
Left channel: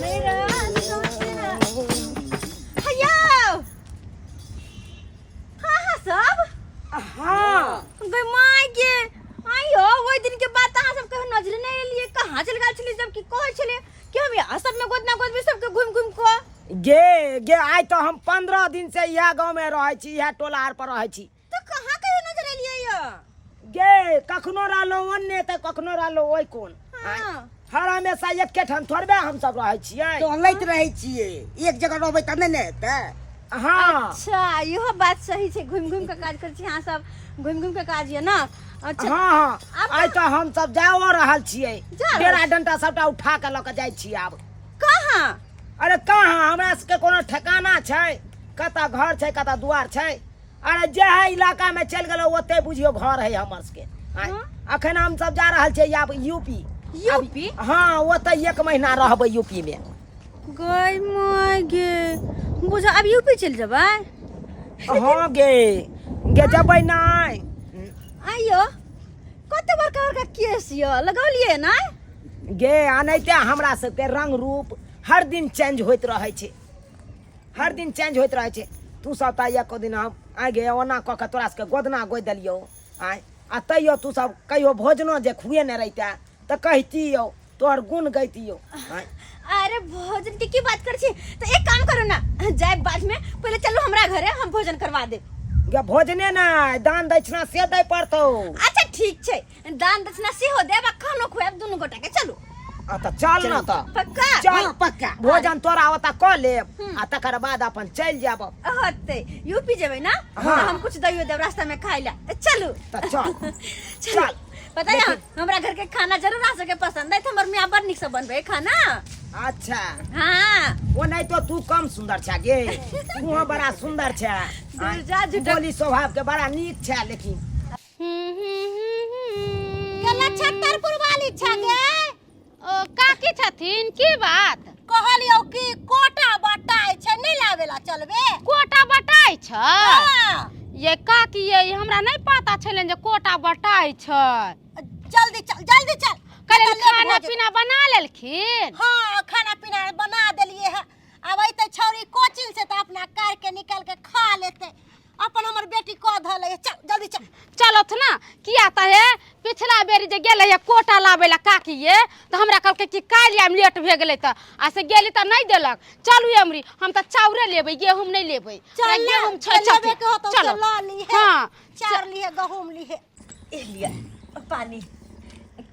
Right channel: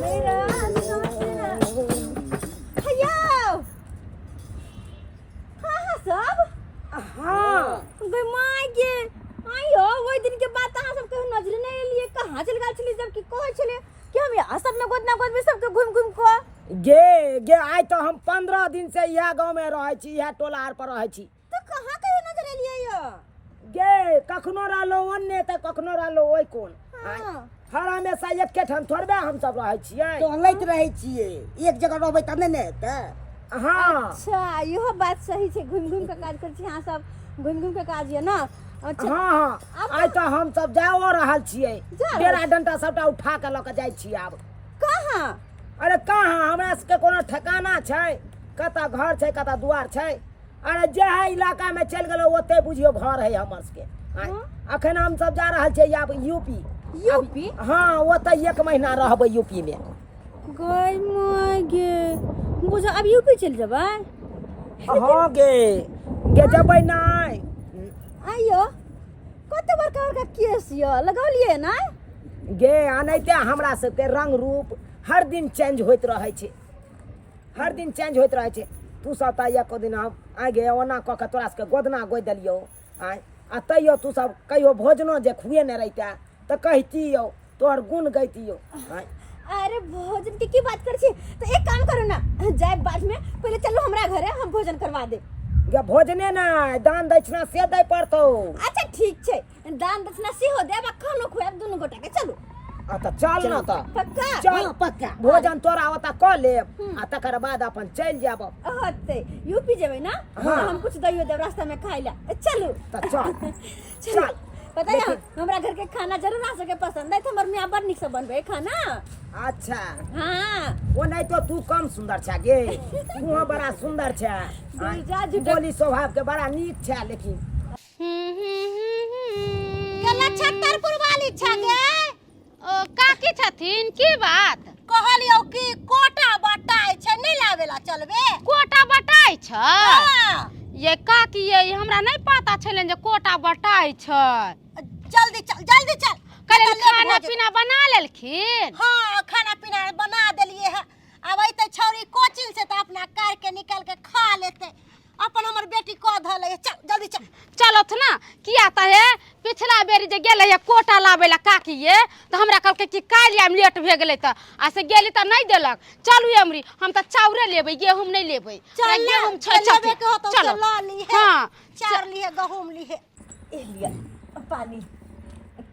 मेरा सोचना। हया हाँ सब हाँ गई माय गे आयो वो दिन के बाद अहाँ सब कहीं नजर नहीं लिए कहाँ चल गए छली जब कि कहे छले कि हम यहाँ सब में गोदना गोद में सबके घूम घूम को गे आइ तो हम 15 दिन से यह गांव में रहे छी यह टोला आर पर रहे छी। तो कहाँ कहीं नजर लिए यो गे कखनो रहलो ओन्ने त कखनो रहलो ओइ कोन हाँ हर हमेशा एके ठाम थोड़बे हम सब रहे छियै। तो लैत रहे छियै एक जगह रहबै त नहि ने हेतै। हाँ अच्छा इहो बात सही छै घूम घूम के काज कर छी यहाँ सब घूम घूम के काज ये ना। अच्छा हाँ आइ तो हम सब जाओ रहल छियै जा रहल डेरा डंटा सबटा उठा के ल के जाइ छी आब। कहाँ अरे कहाँ हमरा सबके कोनो ठिकाना छै कतऽ घर छै कतऽ दुआर छै। अरे जे है इलाका में चल गेलो ओते बुझियो घर है हमर सबके। आइ, अखन हम सब जा रहल छियै आब यूपी। यूपी हाँ ओते 1 महीना रहबै यूपी में। गई माय गे बुझा अब यूपी चल जबै। हाँ गे जबै नहीं। आइयो कते बड़का बड़का केस यो लगौलिए ना। गे अनैते हमरा सबके रंग रूप हर दिन चेंज होइत रहे छै हर दिन चेंज होइत रहे छै। तू सब त एको दिन हम आ गे ओना क के तोरा सबके गोदना गोद देलियो आय आ तैयो तू सब कहियो भोजनो जे खुए ने रहिता त कहतियो तोहर गुण गैतियो आय। अरे भोजन की बात कर छी तो एक काम करो ना जाए बाद में पहले चलो हमरा घरे हम भोजन करवा दे। गे भोजने ना दान दक्षिणा से दै पड़तौ। अच्छा ठीक छै दान दक्षिणा सेहो देब आ खानो खुआब दुनू गोटा के चलो। आ त चल ना त पक्का चल पक्का भोजन तोरा ओता क लेब आ तकर बाद अपन चल जाब। होते यूपी जेबै ना हाँ। हम कुछ दइयो देब रास्ता में खाइ ला चलो। त चल चल पता है हमरा घर के खाना जरूर आ सके पसंद है हमर मियां बड़ निक से बनबे खाना। अच्छा हाँ वो नहीं तो तू कम सुंदर छा गे तू बड़ा सुंदर छा जा झूठा बोली स्वभाव के बड़ा नीक छा लेकिन गला छत्तरपुर वाली छ गे ओ काकी छथिन की बात कहलियो कि कोटा बटाई छ नहीं लावेला चलबे। कोटा बटाई छ। हाँ। ये काकी ये हमरा नहीं पता छलन जे कोटा बटाई छ। जल्दी चल कल खाना पीना बना लेलखिन। हाँ खाना पीना बना देलिए है अब अइते छौरी कोचिंग से तो अपना कार के निकाल के खा लेते अपन हमर बेटी को धले चल जल्दी चल। चलो थ ना किया त है पिछला बेरी जे गेले है कोटा लाबेला काकी ये तो हमरा कहलके कि काल आम लेट भे गेले त आ से गेली त नहीं देलक। चलू अमरी हम त चाउरे लेबै गेहूं नहीं लेबै। गेहूं लेबे के होतो चलो ला ली है। हाँ चार ली है गहूम ली है ए लिया पानी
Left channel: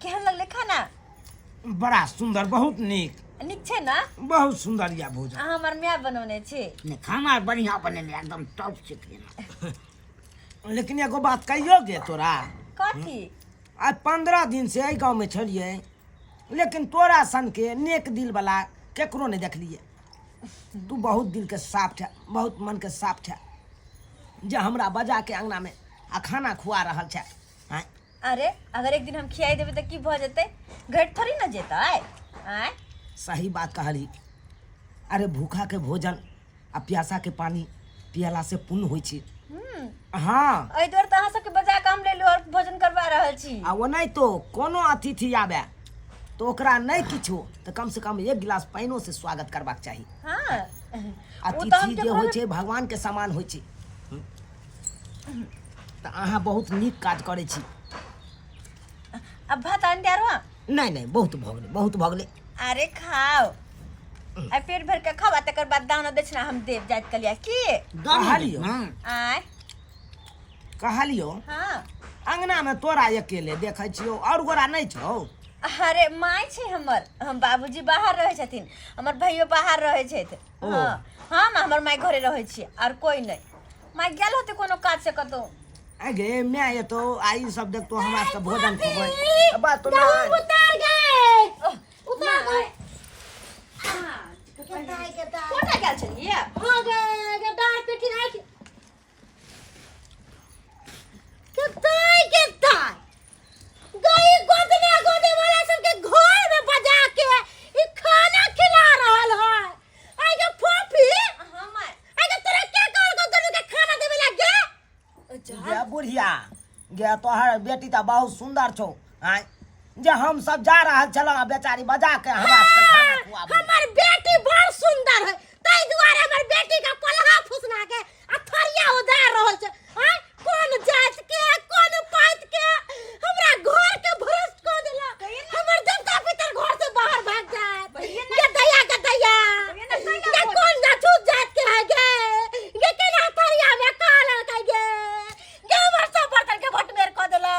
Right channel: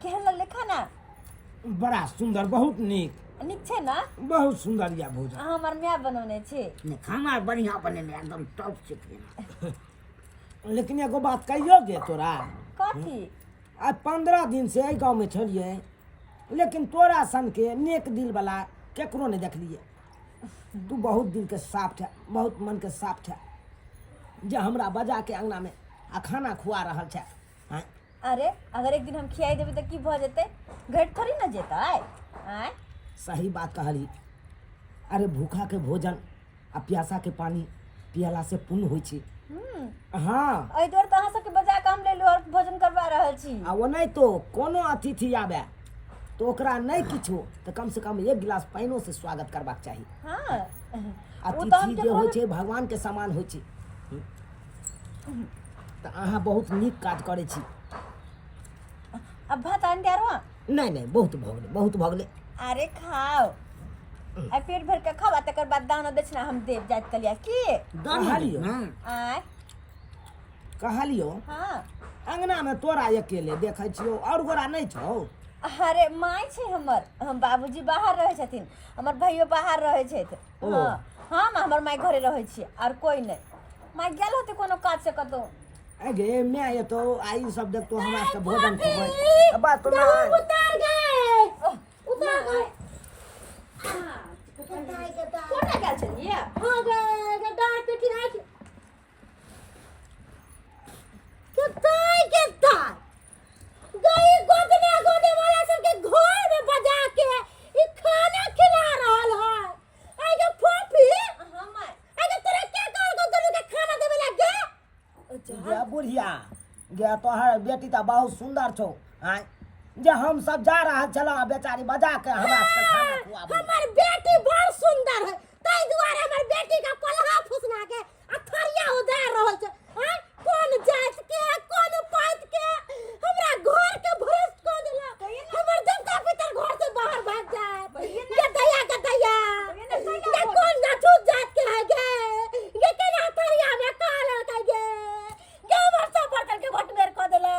केहन लगले खाना। बड़ा सुंदर बहुत नीक नीक छै ना बहुत सुंदर या भोजन। हमर माय बनौने छै नहीं खाना बढ़िया बनेले एकदम टॉप से खाना। लेकिन एगो बात कहियो गे तोरा कथी आज 15 दिन से गांव में छलिए लेकिन तोरा सन के नेक दिल वाला केकरो नहीं देखलिए। तू बहुत दिल के साफ छे बहुत मन के साफ छे जे हमरा बजा के अंगना में आ खाना खुआ रहल छे। आय अरे अगर एक दिन हम खियाई देबे त की भ जेते घट थोड़ी ना जेता आय। सही बात कहली। अरे भूखा के भोजन आ प्यासा के पानी पियला से पुण्य होइ छै। हाँ एहि दुआरे त अहाँ सबके बजा के हम ले लो और भोजन करवा रहल छी। आ वो नहीं तो कोनो अतिथि आवे तो ओकरा नहीं किछो तो कम से कम 1 गिलास पानियो से स्वागत करबाक चाही। हाँ अतिथि जे होइ छै भगवान के समान होइ छै। तो अहाँ बहुत नीक काज करै छी। अब भात आन दिया रहा नहीं नहीं बहुत भगले बहुत भगले। अरे खाओ आ पेट भर के खावा तकर बाद दाना दक्षिणा हम देव जात कलिया की कहलियो आय कहलियो हाँ अंगना में तोरा अकेले देखै छियो और गोरा नहीं छौ। अरे माय छे हमर हम बाबूजी बाहर रहे छथिन हमर भाइयो बाहर रहे छथि ओ। हाँ हम हमर माय घरे रहे छियै और कोई नहीं माय गेल होते कोनो काज से कतौ अगे मैं ये तो आई सब देख तो हमरा से भोजन खेबै बात तो नहीं। उतार गए उतार गए कोटा गेल छलिए हो गए डार पिटी आई किताई गई गोदने वाला सबके घर में बजा के ई खाना खिला रहल है आगे फोफी हां माय आगे तोरा क्या कर गोदनु के खाना देवे लगे गे बुढ़िया गे तोहर बेटी तो बहुत सुंदर छौ। आय जे हम सब जा रहल छलौ बेचारी बजा के हमरा से खाना खुआबे। हमर बेटी बड़ सुंदर है ताई दुआरे हमर बेटी का पलहा फुसना के अथरिया उधार रहल छै। हां कौन जात के कौन पात के हमरा घर के भ्रष्ट कर देला हमर देवता पितर घर से बाहर भाग जाए ये दया ये कौन जात जात के है गे ये केना अथरिया में काला का गे के हमर सब बर्तन के भट मेर कर देला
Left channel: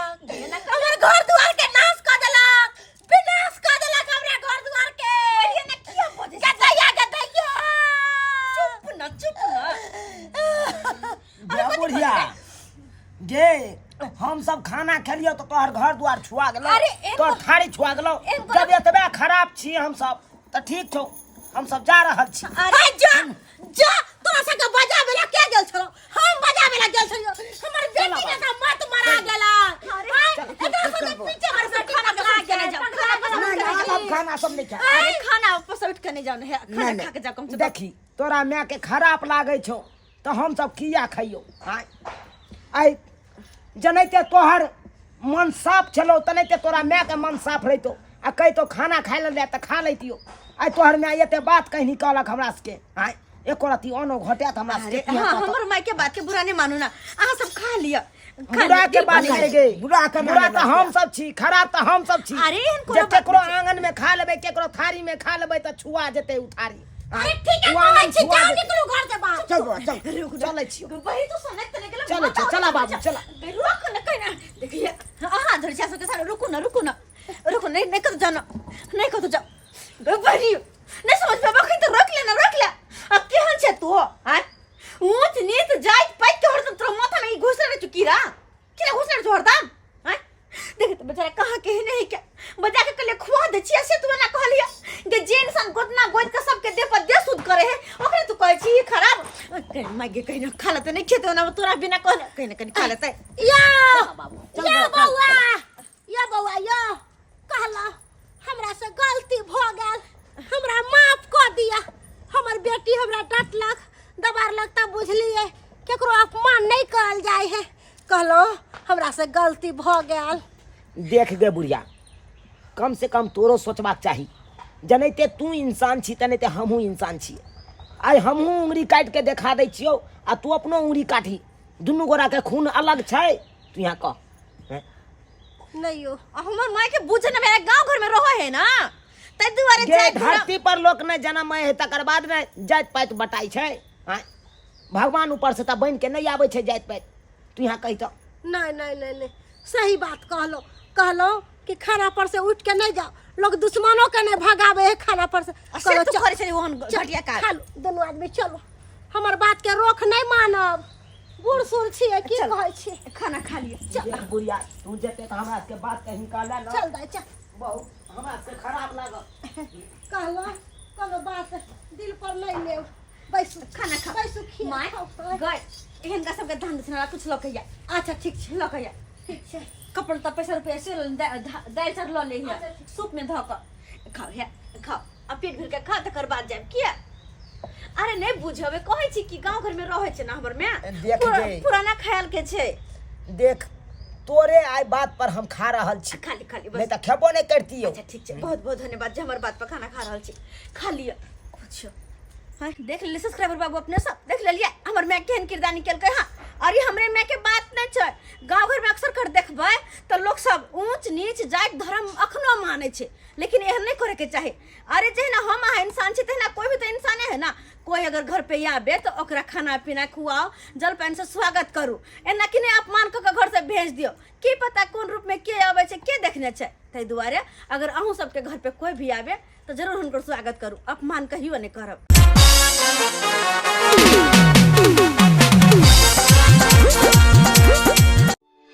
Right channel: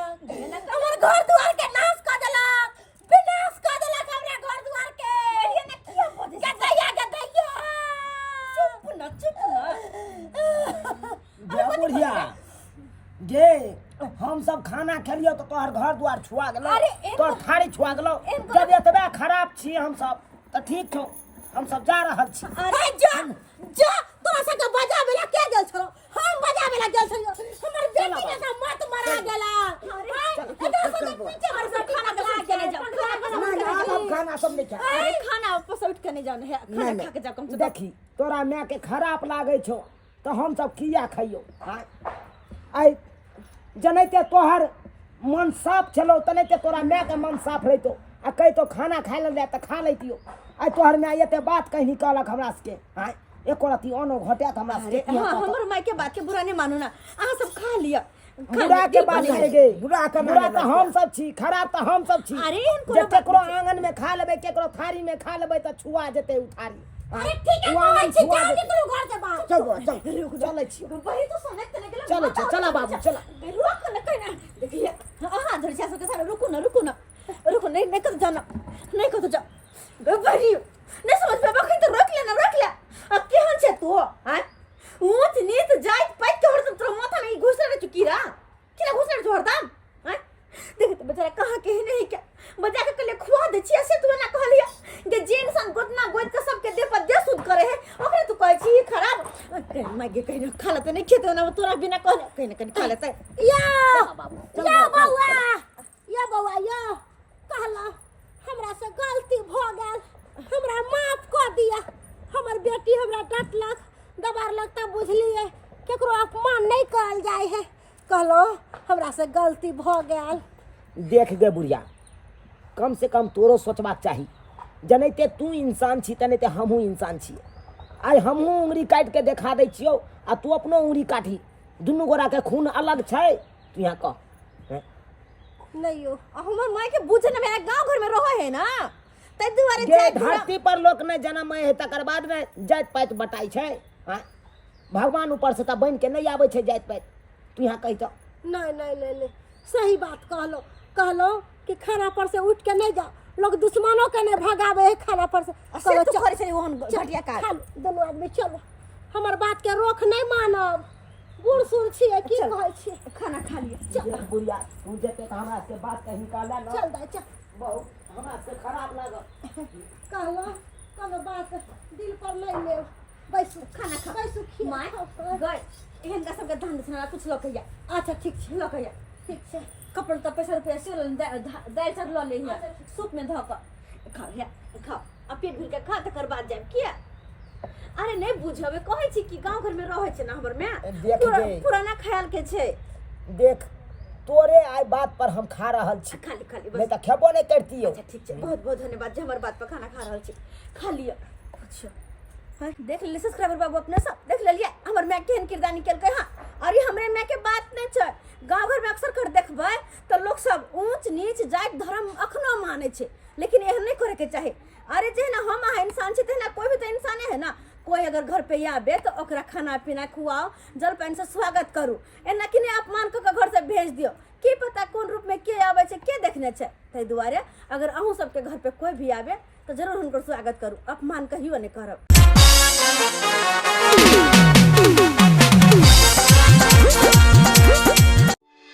हमर घर दुआर के नाश कर देला विनाश कर देला हमरा घर दुआर के ये ना किया बोले गदया चुप ना गे बुढ़िया गे हम सब खाना खेलियो तो तोहर घर द्वार छुआ गेलो अरे एगो- तोहर थारी छुआ गेलो जब एतबे खराब छी हम सब तो ठीक छौ हम सब जा रहल छी। अरे जा तोरा सके बजा बेला के गेल छलो हम बजा बेला गेल छलियो हमर बेटी के तो मत मरा गेला अरे पीछे हमर से खाना खा के नहीं जाओ नहीं अब खाना सब नहीं खा। अरे खाना वापस उठ के नहीं जाओ है खाना खा के जाओ कम से कम देखी तोरा माय के खराब लागे छौ तो हम सब किया खइयो। आय जनैते तोहर मन साफ छलो तनैते तोरा माय के मन साफ रहितो आ कहि तो खाना खाय ले त खा लैतियो। आय तोहर माय एते बात कहि निकालक हमरा सके। आय एको रती अनो घटेत हमरा सके। हाँ हमर माय के बात के बुरा नहीं मानू ना अहाँ सब खा लिया बुरा के बात करे गे बुरा तो हम सब छी खराब तो हम सब छी। अरे एहन कोनो जे केकरो आंगन में खा लेबै केकरो थारी में खा लेबै त छुआ जेतै उ थारी। अरे ठीक है कहै छी जाओ निकलो घर से बाहर चल चलै छियो वही तो सनक तने गेल चलो चला बाबू चला। रुक न कहीं देखिए हाँ धर जा सके सारा रुको ना नहीं कतो जानो नहीं कतो जाओ बड़ी नहीं समझ पे बखई तो रोक ले अब केहन छे तू हां ऊंच नीच जाइत पैक के हरदम तोरा माथा में घुस रहे चुकीरा किला घुस रहे हरदम हां देख तो बेचारा कहां के नहीं क्या बजा के कले खुआ दे छी से तू ना कहलिया जे जे इंसान गोदना गोद के सबके देह पर देह शुद्ध करे है ओकरे तू कहै छी खराब मागे कहीं ना खा लेते नहीं खेते ना तोरा बिना कहले कहीं ना कहीं खा लेते या बाबू या बउआ या कहला हमरा से गलती भ गेल हमरा माफ कर दिया हमर बेटी हमरा डांटलक दबारलक तब बुझलिए केकरो अपमान नहीं करल जाय है कहलो हमरा से गलती भ गेल। देख गे बुढ़िया कम से कम तोरो सोचबाक चाही जनैते तू इंसान छी तनैते हमहूँ इंसान छी। आइ हमहूँ उंगली काटि के देखा दै छियौ आ तू अपनो उंगली काटी दुनू गोरा के खून अलग छै तू यहाँ कह। नहीं हो हमर माय के बुझे ना मेरा गांव घर में रहो है ना तै दुआरे गे जाय धरती पर लोक ने जन्म है तकर बाद ने जात पात बटाई छै। हाँ? भगवान ऊपर से त बन के नहीं आबै छै जात पात तू यहाँ कही तो नहीं सही बात कहलो कि खाना पर से उठ के नहीं जाओ लोग दुश्मनों के नहीं भगावे है खाना पर से से तो करे छै ओहन घटिया का खा लो दोनों आदमी चलो हमर बात के रोक नहीं मानब बूढ़ सूढ़ छिए की कहै छी खाना खा लिया देख बुढ़िया तू जेते त हमरा के बात कहीं निकाले न चल दाई चल बहुत हमरा से खराब लागल। कहलो कोनो बात दिल पर नहीं ले बैसु खाना खा बैसु खी माय गय एहन का सबके धान दसना कुछ लोग कहिया अच्छा ठीक छै लोग कहिया ठीक छै कपड़ त पैसा रुपया से दाल चार ल ले हिया सूप में धक खाओ है खाओ आ पेट भर के खा तकर बाद जाब किया अरे नहीं बुझबे कहै छी कि गांव घर में रहै छै ना हमर में देख गे। पुराना ख्याल के छै देख तोरे आइ बात पर हम खा रहल छी खाली नहीं बस त खेबो नहीं करतियो। अच्छा ठीक छै बहुत बहुत धन्यवाद जे हमर बात पर खाना खा रहल छी खा लिया कुछ हां देख ले सब्सक्राइबर बाबू अपने सब देख ले लिया हमर मैं केहन किरदार निकल के हां और ये हमरे में के बात नहीं छै। गांव घर में अक्सर कर देखबै तो लोग सब ऊंच नीच जात धर्म अखनो माने छे, लेकिन एहन नहीं करे के चाहे। अरे जे ना हम अहाँ इंसान छे ना, कोई भी तो इंसाने है ना। कोई अगर घर पे आबे तो ओकरा खाना पीना खुआओ, जलपान से स्वागत करू, एना कि नहीं अपमान क के घर से भेज दियो। की पता कौन रूप में के आवे छे, के देखने छे। तै दुआरे अगर अहूँ सबके घर पे कोई भी आबे तो जरूर हुनकर स्वागत करू, अपमान कहियो नहीं करब।